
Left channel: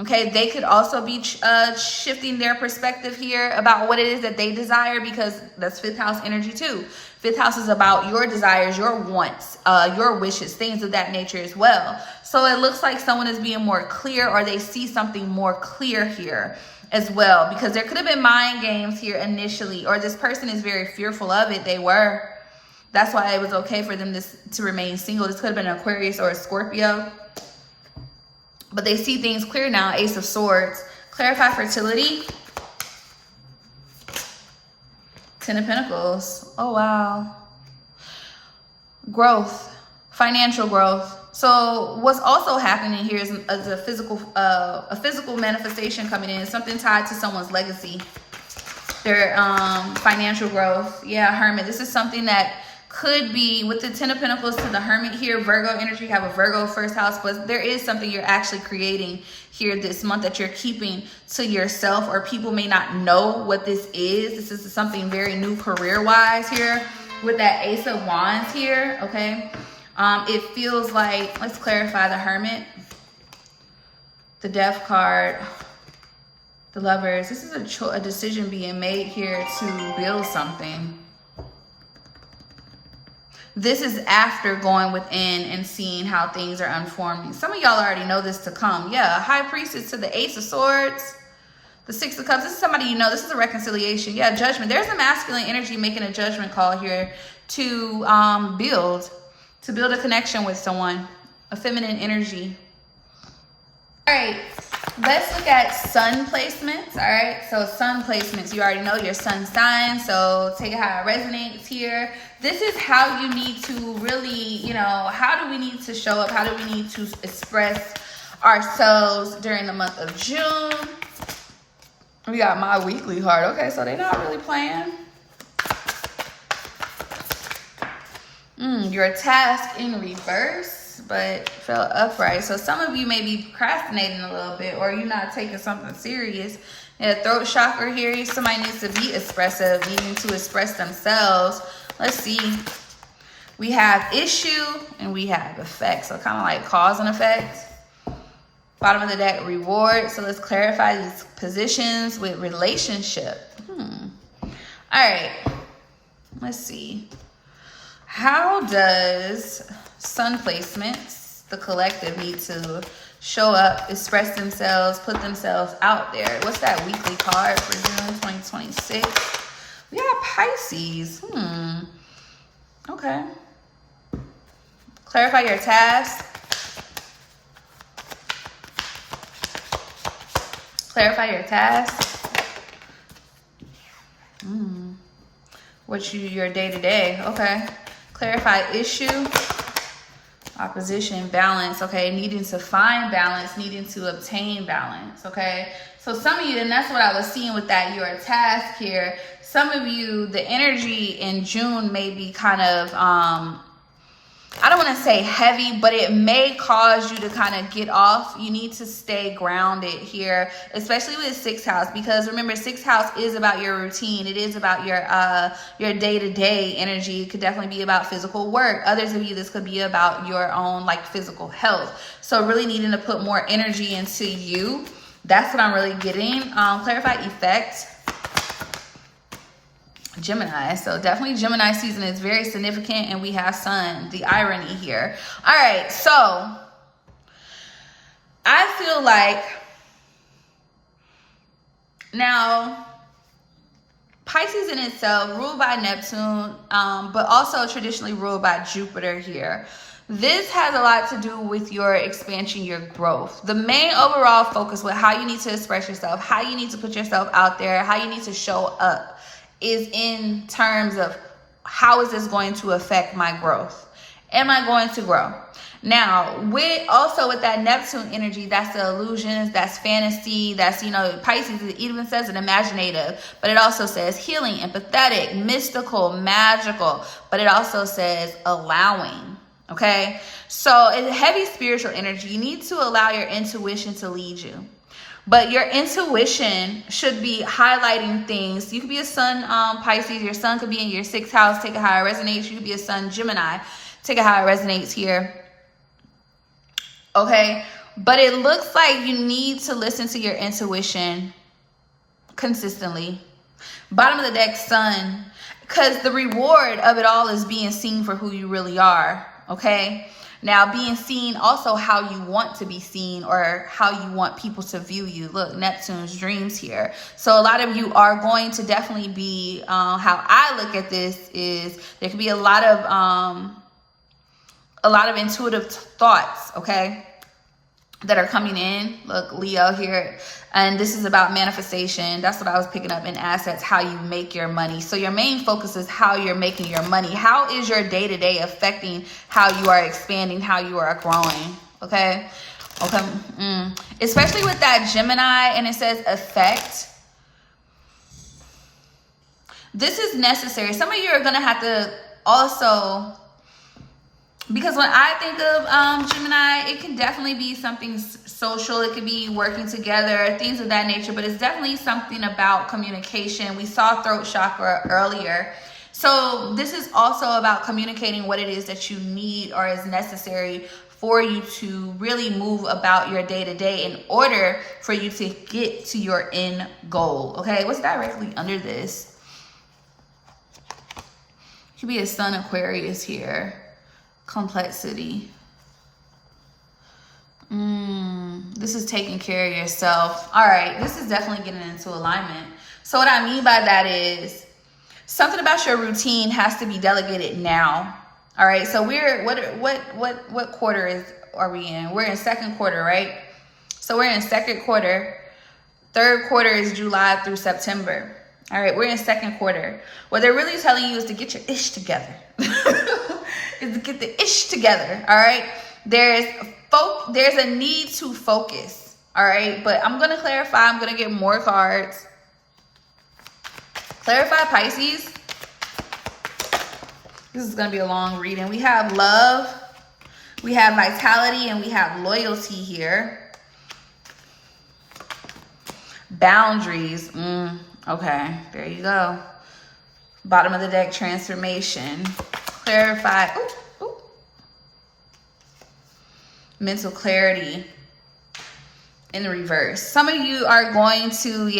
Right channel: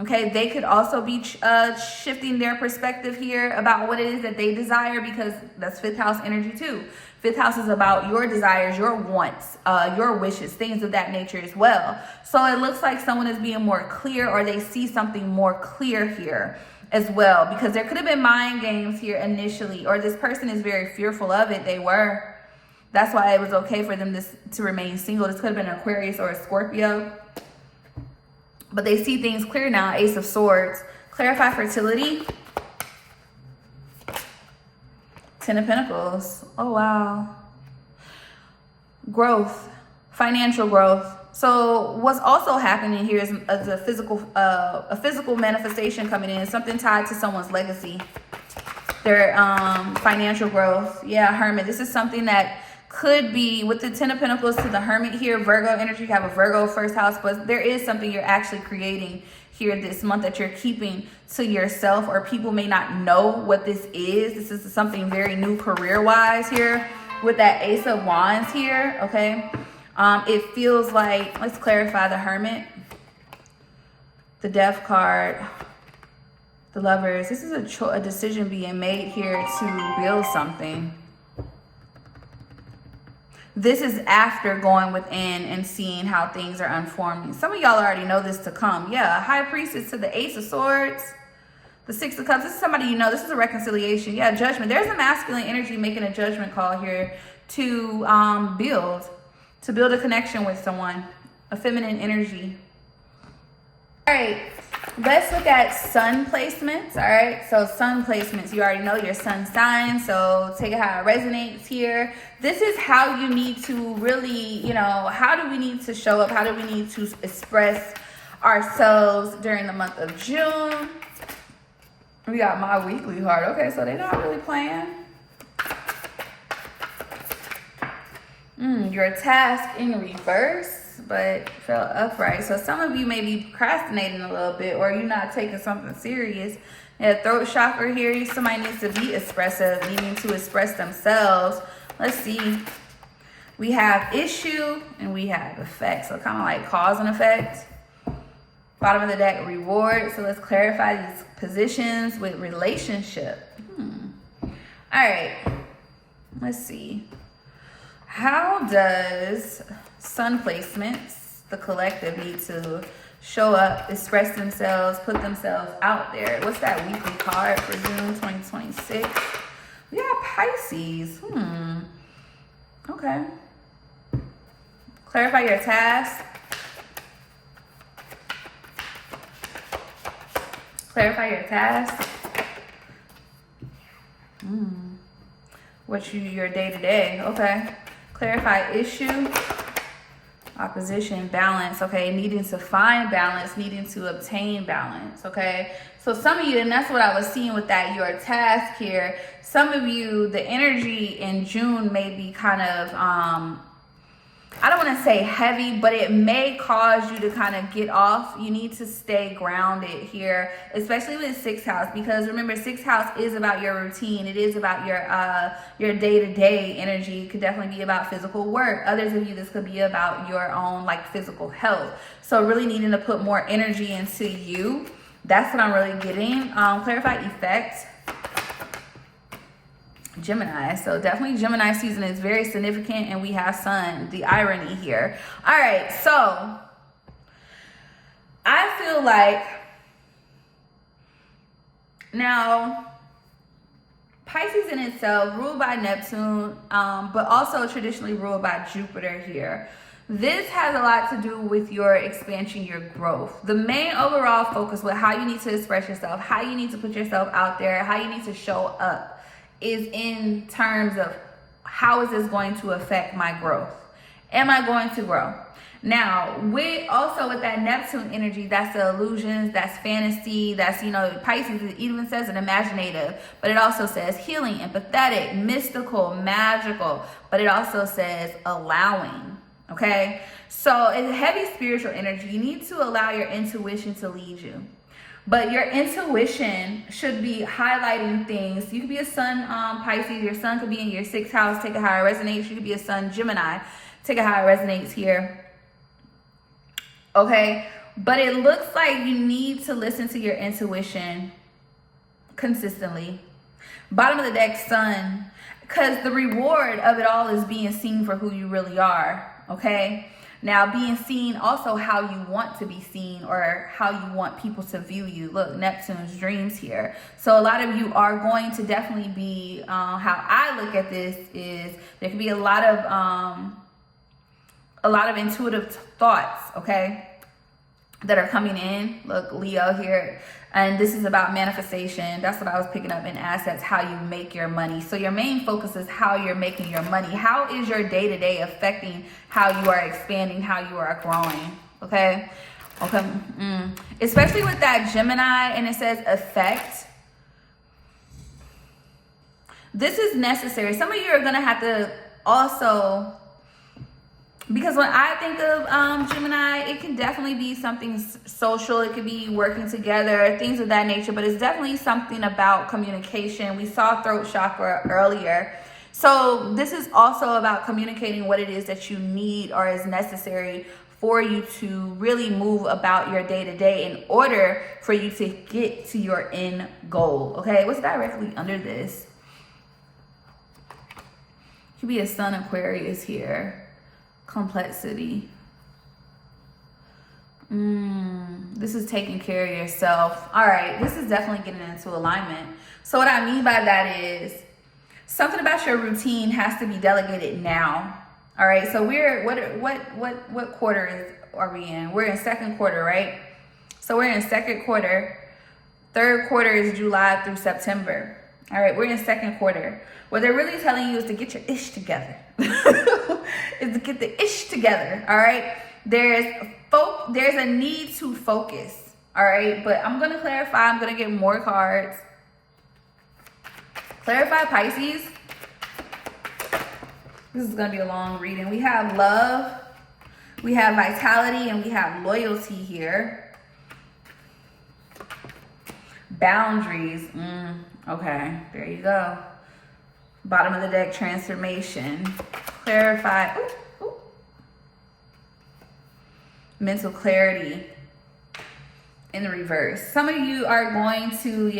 Okay, they could also be shifting their perspective here about what it is that they desire, because that's 5th house energy too. 5th house is about your desires, your wants, your wishes, things of that nature as well. So it looks like someone is being more clear, or they see something more clear here as well, because there could have been mind games here initially, or this person is very fearful of it. They were. That's why it was okay for them to remain single. This could have been an Aquarius or a Scorpio. But they see things clear now. Ace of Swords. Clarify fertility. 10 of Pentacles. Oh, wow. Growth. Financial growth. So what's also happening here is a physical manifestation coming in. Something tied to someone's legacy. Their financial growth. Yeah, Hermit. This is something that could be with the 10 of Pentacles to the Hermit here. Virgo energy, you have a Virgo 1st house, but there is something you're actually creating here this month that you're keeping to yourself, or people may not know what this is. This is something very new career-wise here with that Ace of Wands here, okay? It feels like, let's clarify the Hermit, the Death card, the Lovers. This is a decision being made here to build something. This is after going within and seeing how things are unfolding. Some of y'all already know this to come. Yeah, High Priestess to the Ace of Swords. The Six of Cups, this is somebody you know. This is a reconciliation. Yeah, judgment. There's a masculine energy making a judgment call here to build a connection with someone. A feminine energy. All right, let's look at sun placements. All right, so sun placements, you already know your sun sign, so take it how it resonates here. This is how you need to really, you know, how do we need to show up? How do we need to express ourselves during the month of June? We got my weekly card. Okay, so they're not really playing. Your task in reverse, but felt upright. So some of you may be procrastinating a little bit, or you're not taking something serious. Yeah, throat chakra here. Somebody needs to be expressive, needing to express themselves. Let's see. We have issue and we have effect. So kind of like cause and effect. Bottom of the deck, reward. So let's clarify these positions with relationship. All right. Let's see. How does sun placements, the collective, need to show up, express themselves, put themselves out there? What's that weekly card for June 2026? We got Pisces. Okay. Clarify your task. Clarify your task. What's your day-to-day? Okay. Clarify issue. Opposition, balance. Okay. Needing to find balance, needing to obtain balance. Okay. So some of you, and that's what I was seeing with that, your task here. Some of you, the energy in June may be kind of, I don't want to say heavy, but it may cause you to kind of get off. You need to stay grounded here, especially with sixth house, because remember, sixth house is about your routine. It is about your day-to-day energy. It could definitely be about physical work. Others of you, this could be about your own like physical health. So really needing to put more energy into you. That's what I'm really getting. Clarify effect. Gemini. So definitely Gemini season is very significant, and we have sun, the irony here. All right, so I feel like now Pisces in itself ruled by Neptune, but also traditionally ruled by Jupiter here. This has a lot to do with your expansion, your growth. The main overall focus with how you need to express yourself, how you need to put yourself out there, how you need to show up is in terms of how is this going to affect my growth? Am I going to grow? Now, with that Neptune energy, that's the illusions, that's fantasy, that's, you know, Pisces, it even says an imaginative, but it also says healing, empathetic, mystical, magical, but it also says allowing, okay? So it's heavy spiritual energy. You need to allow your intuition to lead you. But your intuition should be highlighting things. You could be a sun Pisces. Your sun could be in your sixth house. Take it how it resonates. You could be a sun Gemini. Take it how it resonates here. Okay? But it looks like you need to listen to your intuition consistently. Bottom of the deck, sun. Because the reward of it all is being seen for who you really are. Okay? Now, being seen also how you want to be seen, or how you want people to view you. Look, Neptune's dreams here. So a lot of you are going to definitely be, how I look at this is there could be a lot of intuitive thoughts, okay, that are coming in. Look, Leo here. And this is about manifestation. That's what I was picking up in assets, how you make your money. So your main focus is how you're making your money. How is your day-to-day affecting how you are expanding, how you are growing? Okay. Especially with that Gemini, and it says effect. This is necessary. Some of you are going to have to also, because when I think of Gemini, it can definitely be something social. It could be working together, things of that nature. But it's definitely something about communication. We saw throat chakra earlier. So this is also about communicating what it is that you need or is necessary for you to really move about your day-to-day in order for you to get to your end goal. Okay, what's directly under this? Could be a sun Aquarius here. Complexity. This is taking care of yourself. All right, this is definitely getting into alignment. So what I mean by that is something about your routine has to be delegated now. All right, so we're what quarter are we in? We're in second quarter, right? So we're in second quarter. Third quarter is July through September. All right, we're in second quarter. What they're really telling you is to get your ish together. Is to get the ish together. All right. There's a need to focus. All right, but I'm gonna clarify. I'm gonna get more cards. Clarify, Pisces. This is gonna be a long reading. We have love, we have vitality, and we have loyalty here. Boundaries. Okay, there you go. Bottom of the deck, transformation. Clarify. Mental clarity in the reverse. Some of you are going to,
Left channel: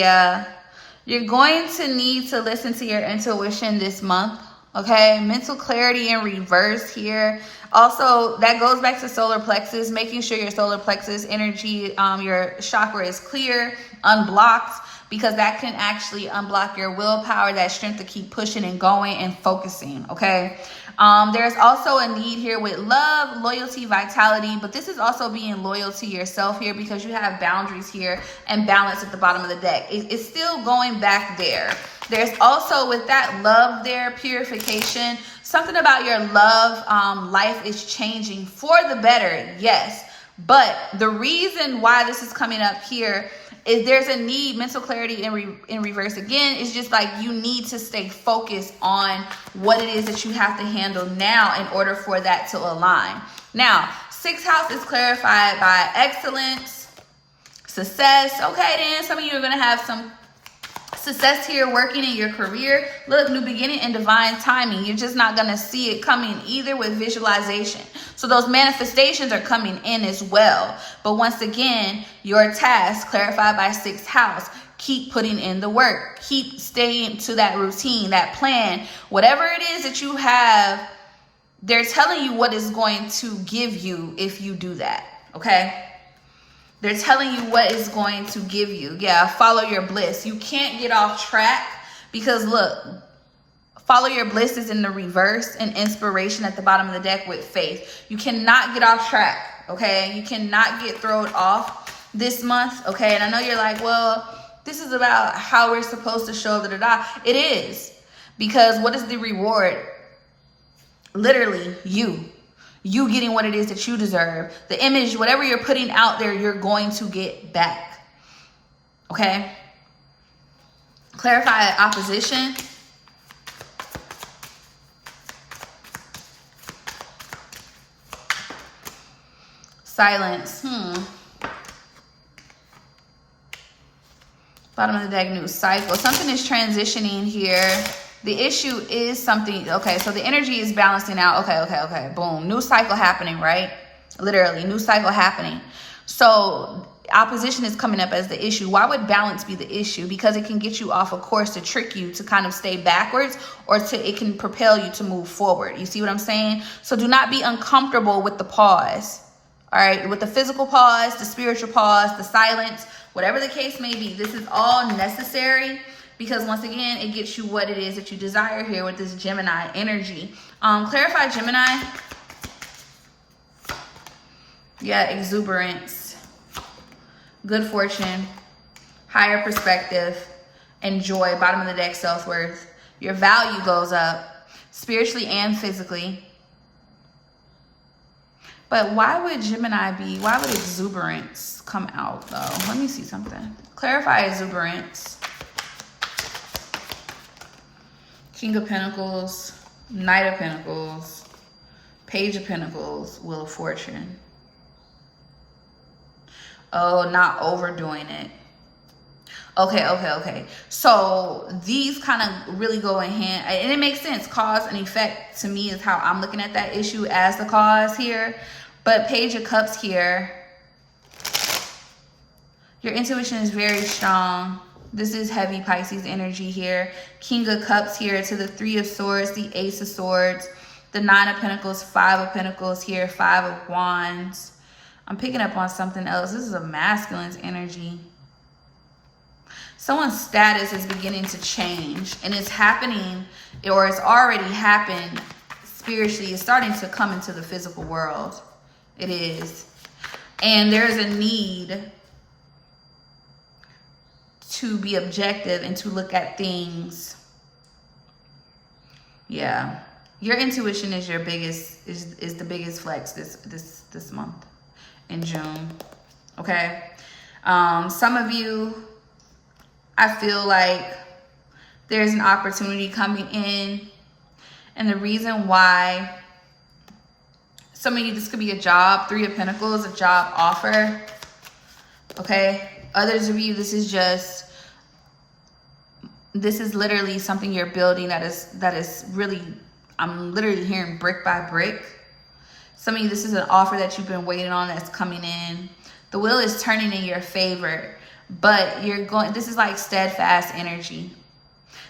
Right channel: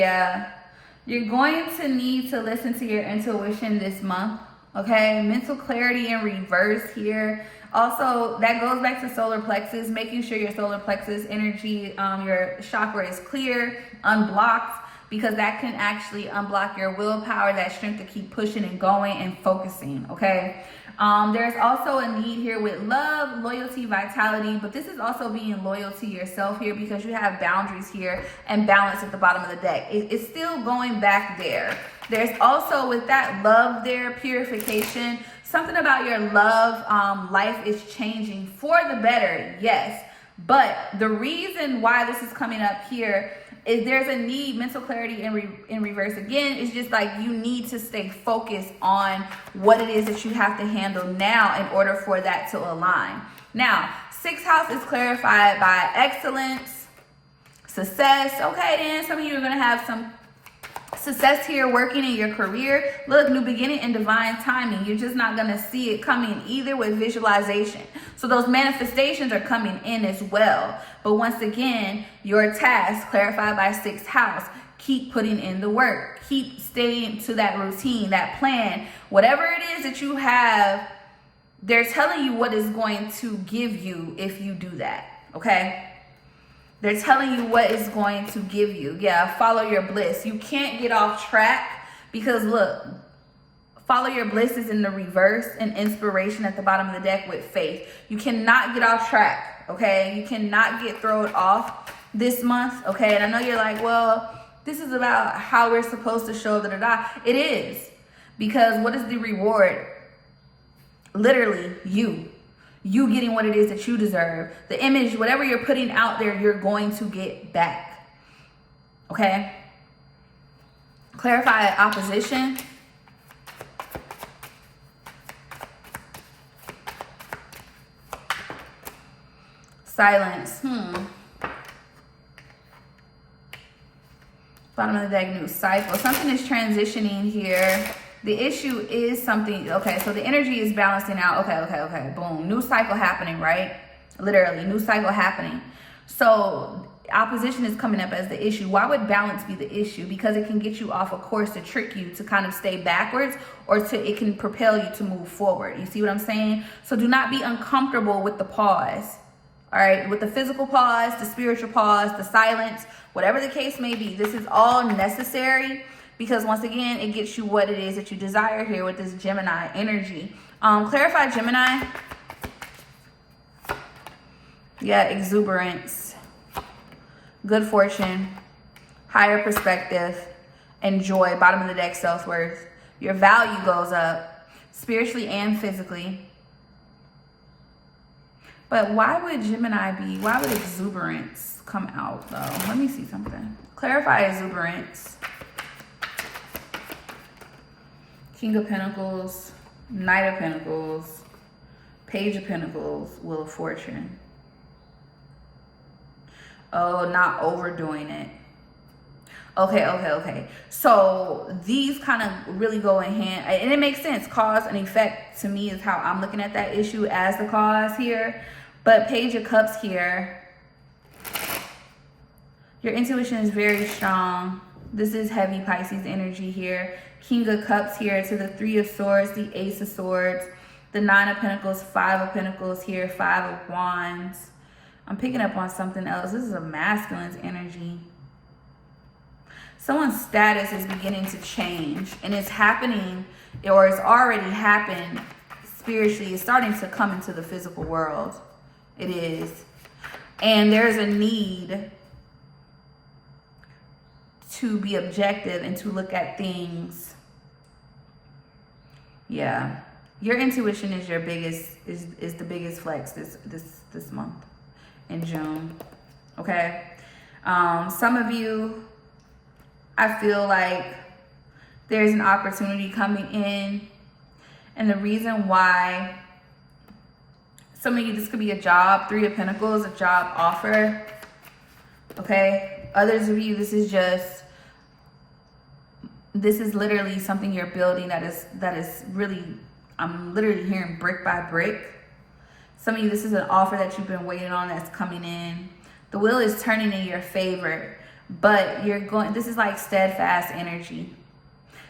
you're going to need to listen to your intuition this month. Okay, mental clarity in reverse here. Also, that goes back to solar plexus, making sure your solar plexus energy, your chakra is clear, unblocked, because that can actually unblock your willpower, that strength to keep pushing and going and focusing, okay? There's also a need here with love, loyalty, vitality, but this is also being loyal to yourself here because you have boundaries here and balance at the bottom of the deck. It's still going back there. There's also with that love there, purification. Something about your love life is changing for the better, yes. But the reason why this is coming up here is there's a need, mental clarity in reverse again. It's just like you need to stay focused on what it is that you have to handle now in order for that to align. Now, sixth house is clarified by excellence, success. Okay, then some of you are going to have some success here working in your career. Look, new beginning and divine timing. You're just not going to see it coming either with visualization. So those manifestations are coming in as well. But once again, your task clarified by sixth house. Keep putting in the work. Keep staying to that routine, that plan. Whatever it is that you have, they're telling you what is going to give you if you do that. Okay? They're telling you what is going to give you. Yeah, follow your bliss. You can't get off track because look, follow your bliss is in the reverse and inspiration at the bottom of the deck with faith. You cannot get off track, okay? You cannot get thrown off this month, okay? And I know you're like, well, this is about how we're supposed to show da-da-da. It is, because what is the reward? Literally, you getting what it is that you deserve. The image, whatever you're putting out there, you're going to get back. Okay? Clarify opposition. Silence. Bottom of the deck, new cycle. Something is transitioning here. The issue is something, okay, so the energy is balancing out. Okay, boom. New cycle happening, right? Literally, new cycle happening. So opposition is coming up as the issue. Why would balance be the issue? Because it can get you off a course to trick you to kind of stay backwards, or it can propel you to move forward. You see what I'm saying? So do not be uncomfortable with the pause. All right, with the physical pause, the spiritual pause, the silence, whatever the case may be, this is all necessary. Because once again, it gets you what it is that you desire here with this Gemini energy. Clarify Gemini. Yeah, exuberance, good fortune, higher perspective, and joy. Bottom of the deck, self-worth. Your value goes up spiritually and physically. But why would why would exuberance come out though? Let me see something. Clarify exuberance. King of Pentacles, Knight of Pentacles, Page of Pentacles, Wheel of Fortune. Oh, not overdoing it. Okay. So these kind of really go in hand, and it makes sense. Cause and effect to me is how I'm looking at that issue as the cause here. But Page of Cups here, your intuition is very strong. This is heavy Pisces energy here. King of Cups here to the Three of Swords, the Ace of Swords, the Nine of Pentacles, Five of Pentacles here, Five of Wands. I'm picking up on something else. This is a masculine's energy. Someone's status is beginning to change, and it's happening, or it's already happened spiritually. It's starting to come into the physical world. It is. And there's a need to be objective and to look at things. Yeah. Your intuition is your biggest, is the biggest flex this month in June. Okay. Some of you, I feel like there's an opportunity coming in, and the reason why, some of you, this could be a job, 3 of Pentacles, a job offer. Okay. Others of you, this is literally something you're building that is really, I'm literally hearing brick by brick. Some of you, this is an offer that you've been waiting on that's coming in. The wheel is turning in your favor, but this is like steadfast energy.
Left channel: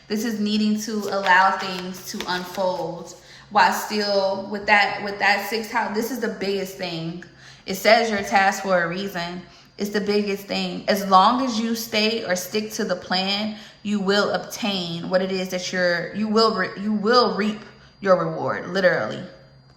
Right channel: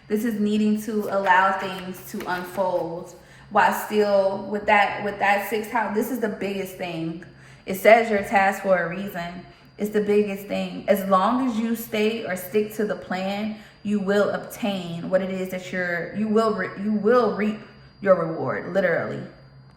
This is needing to allow things to unfold while still with that 6th house. This is the biggest thing. It says you're tasked for a reason. It's the biggest thing. As long as you stay or stick to the plan, you will obtain what it is that you will reap your reward, literally.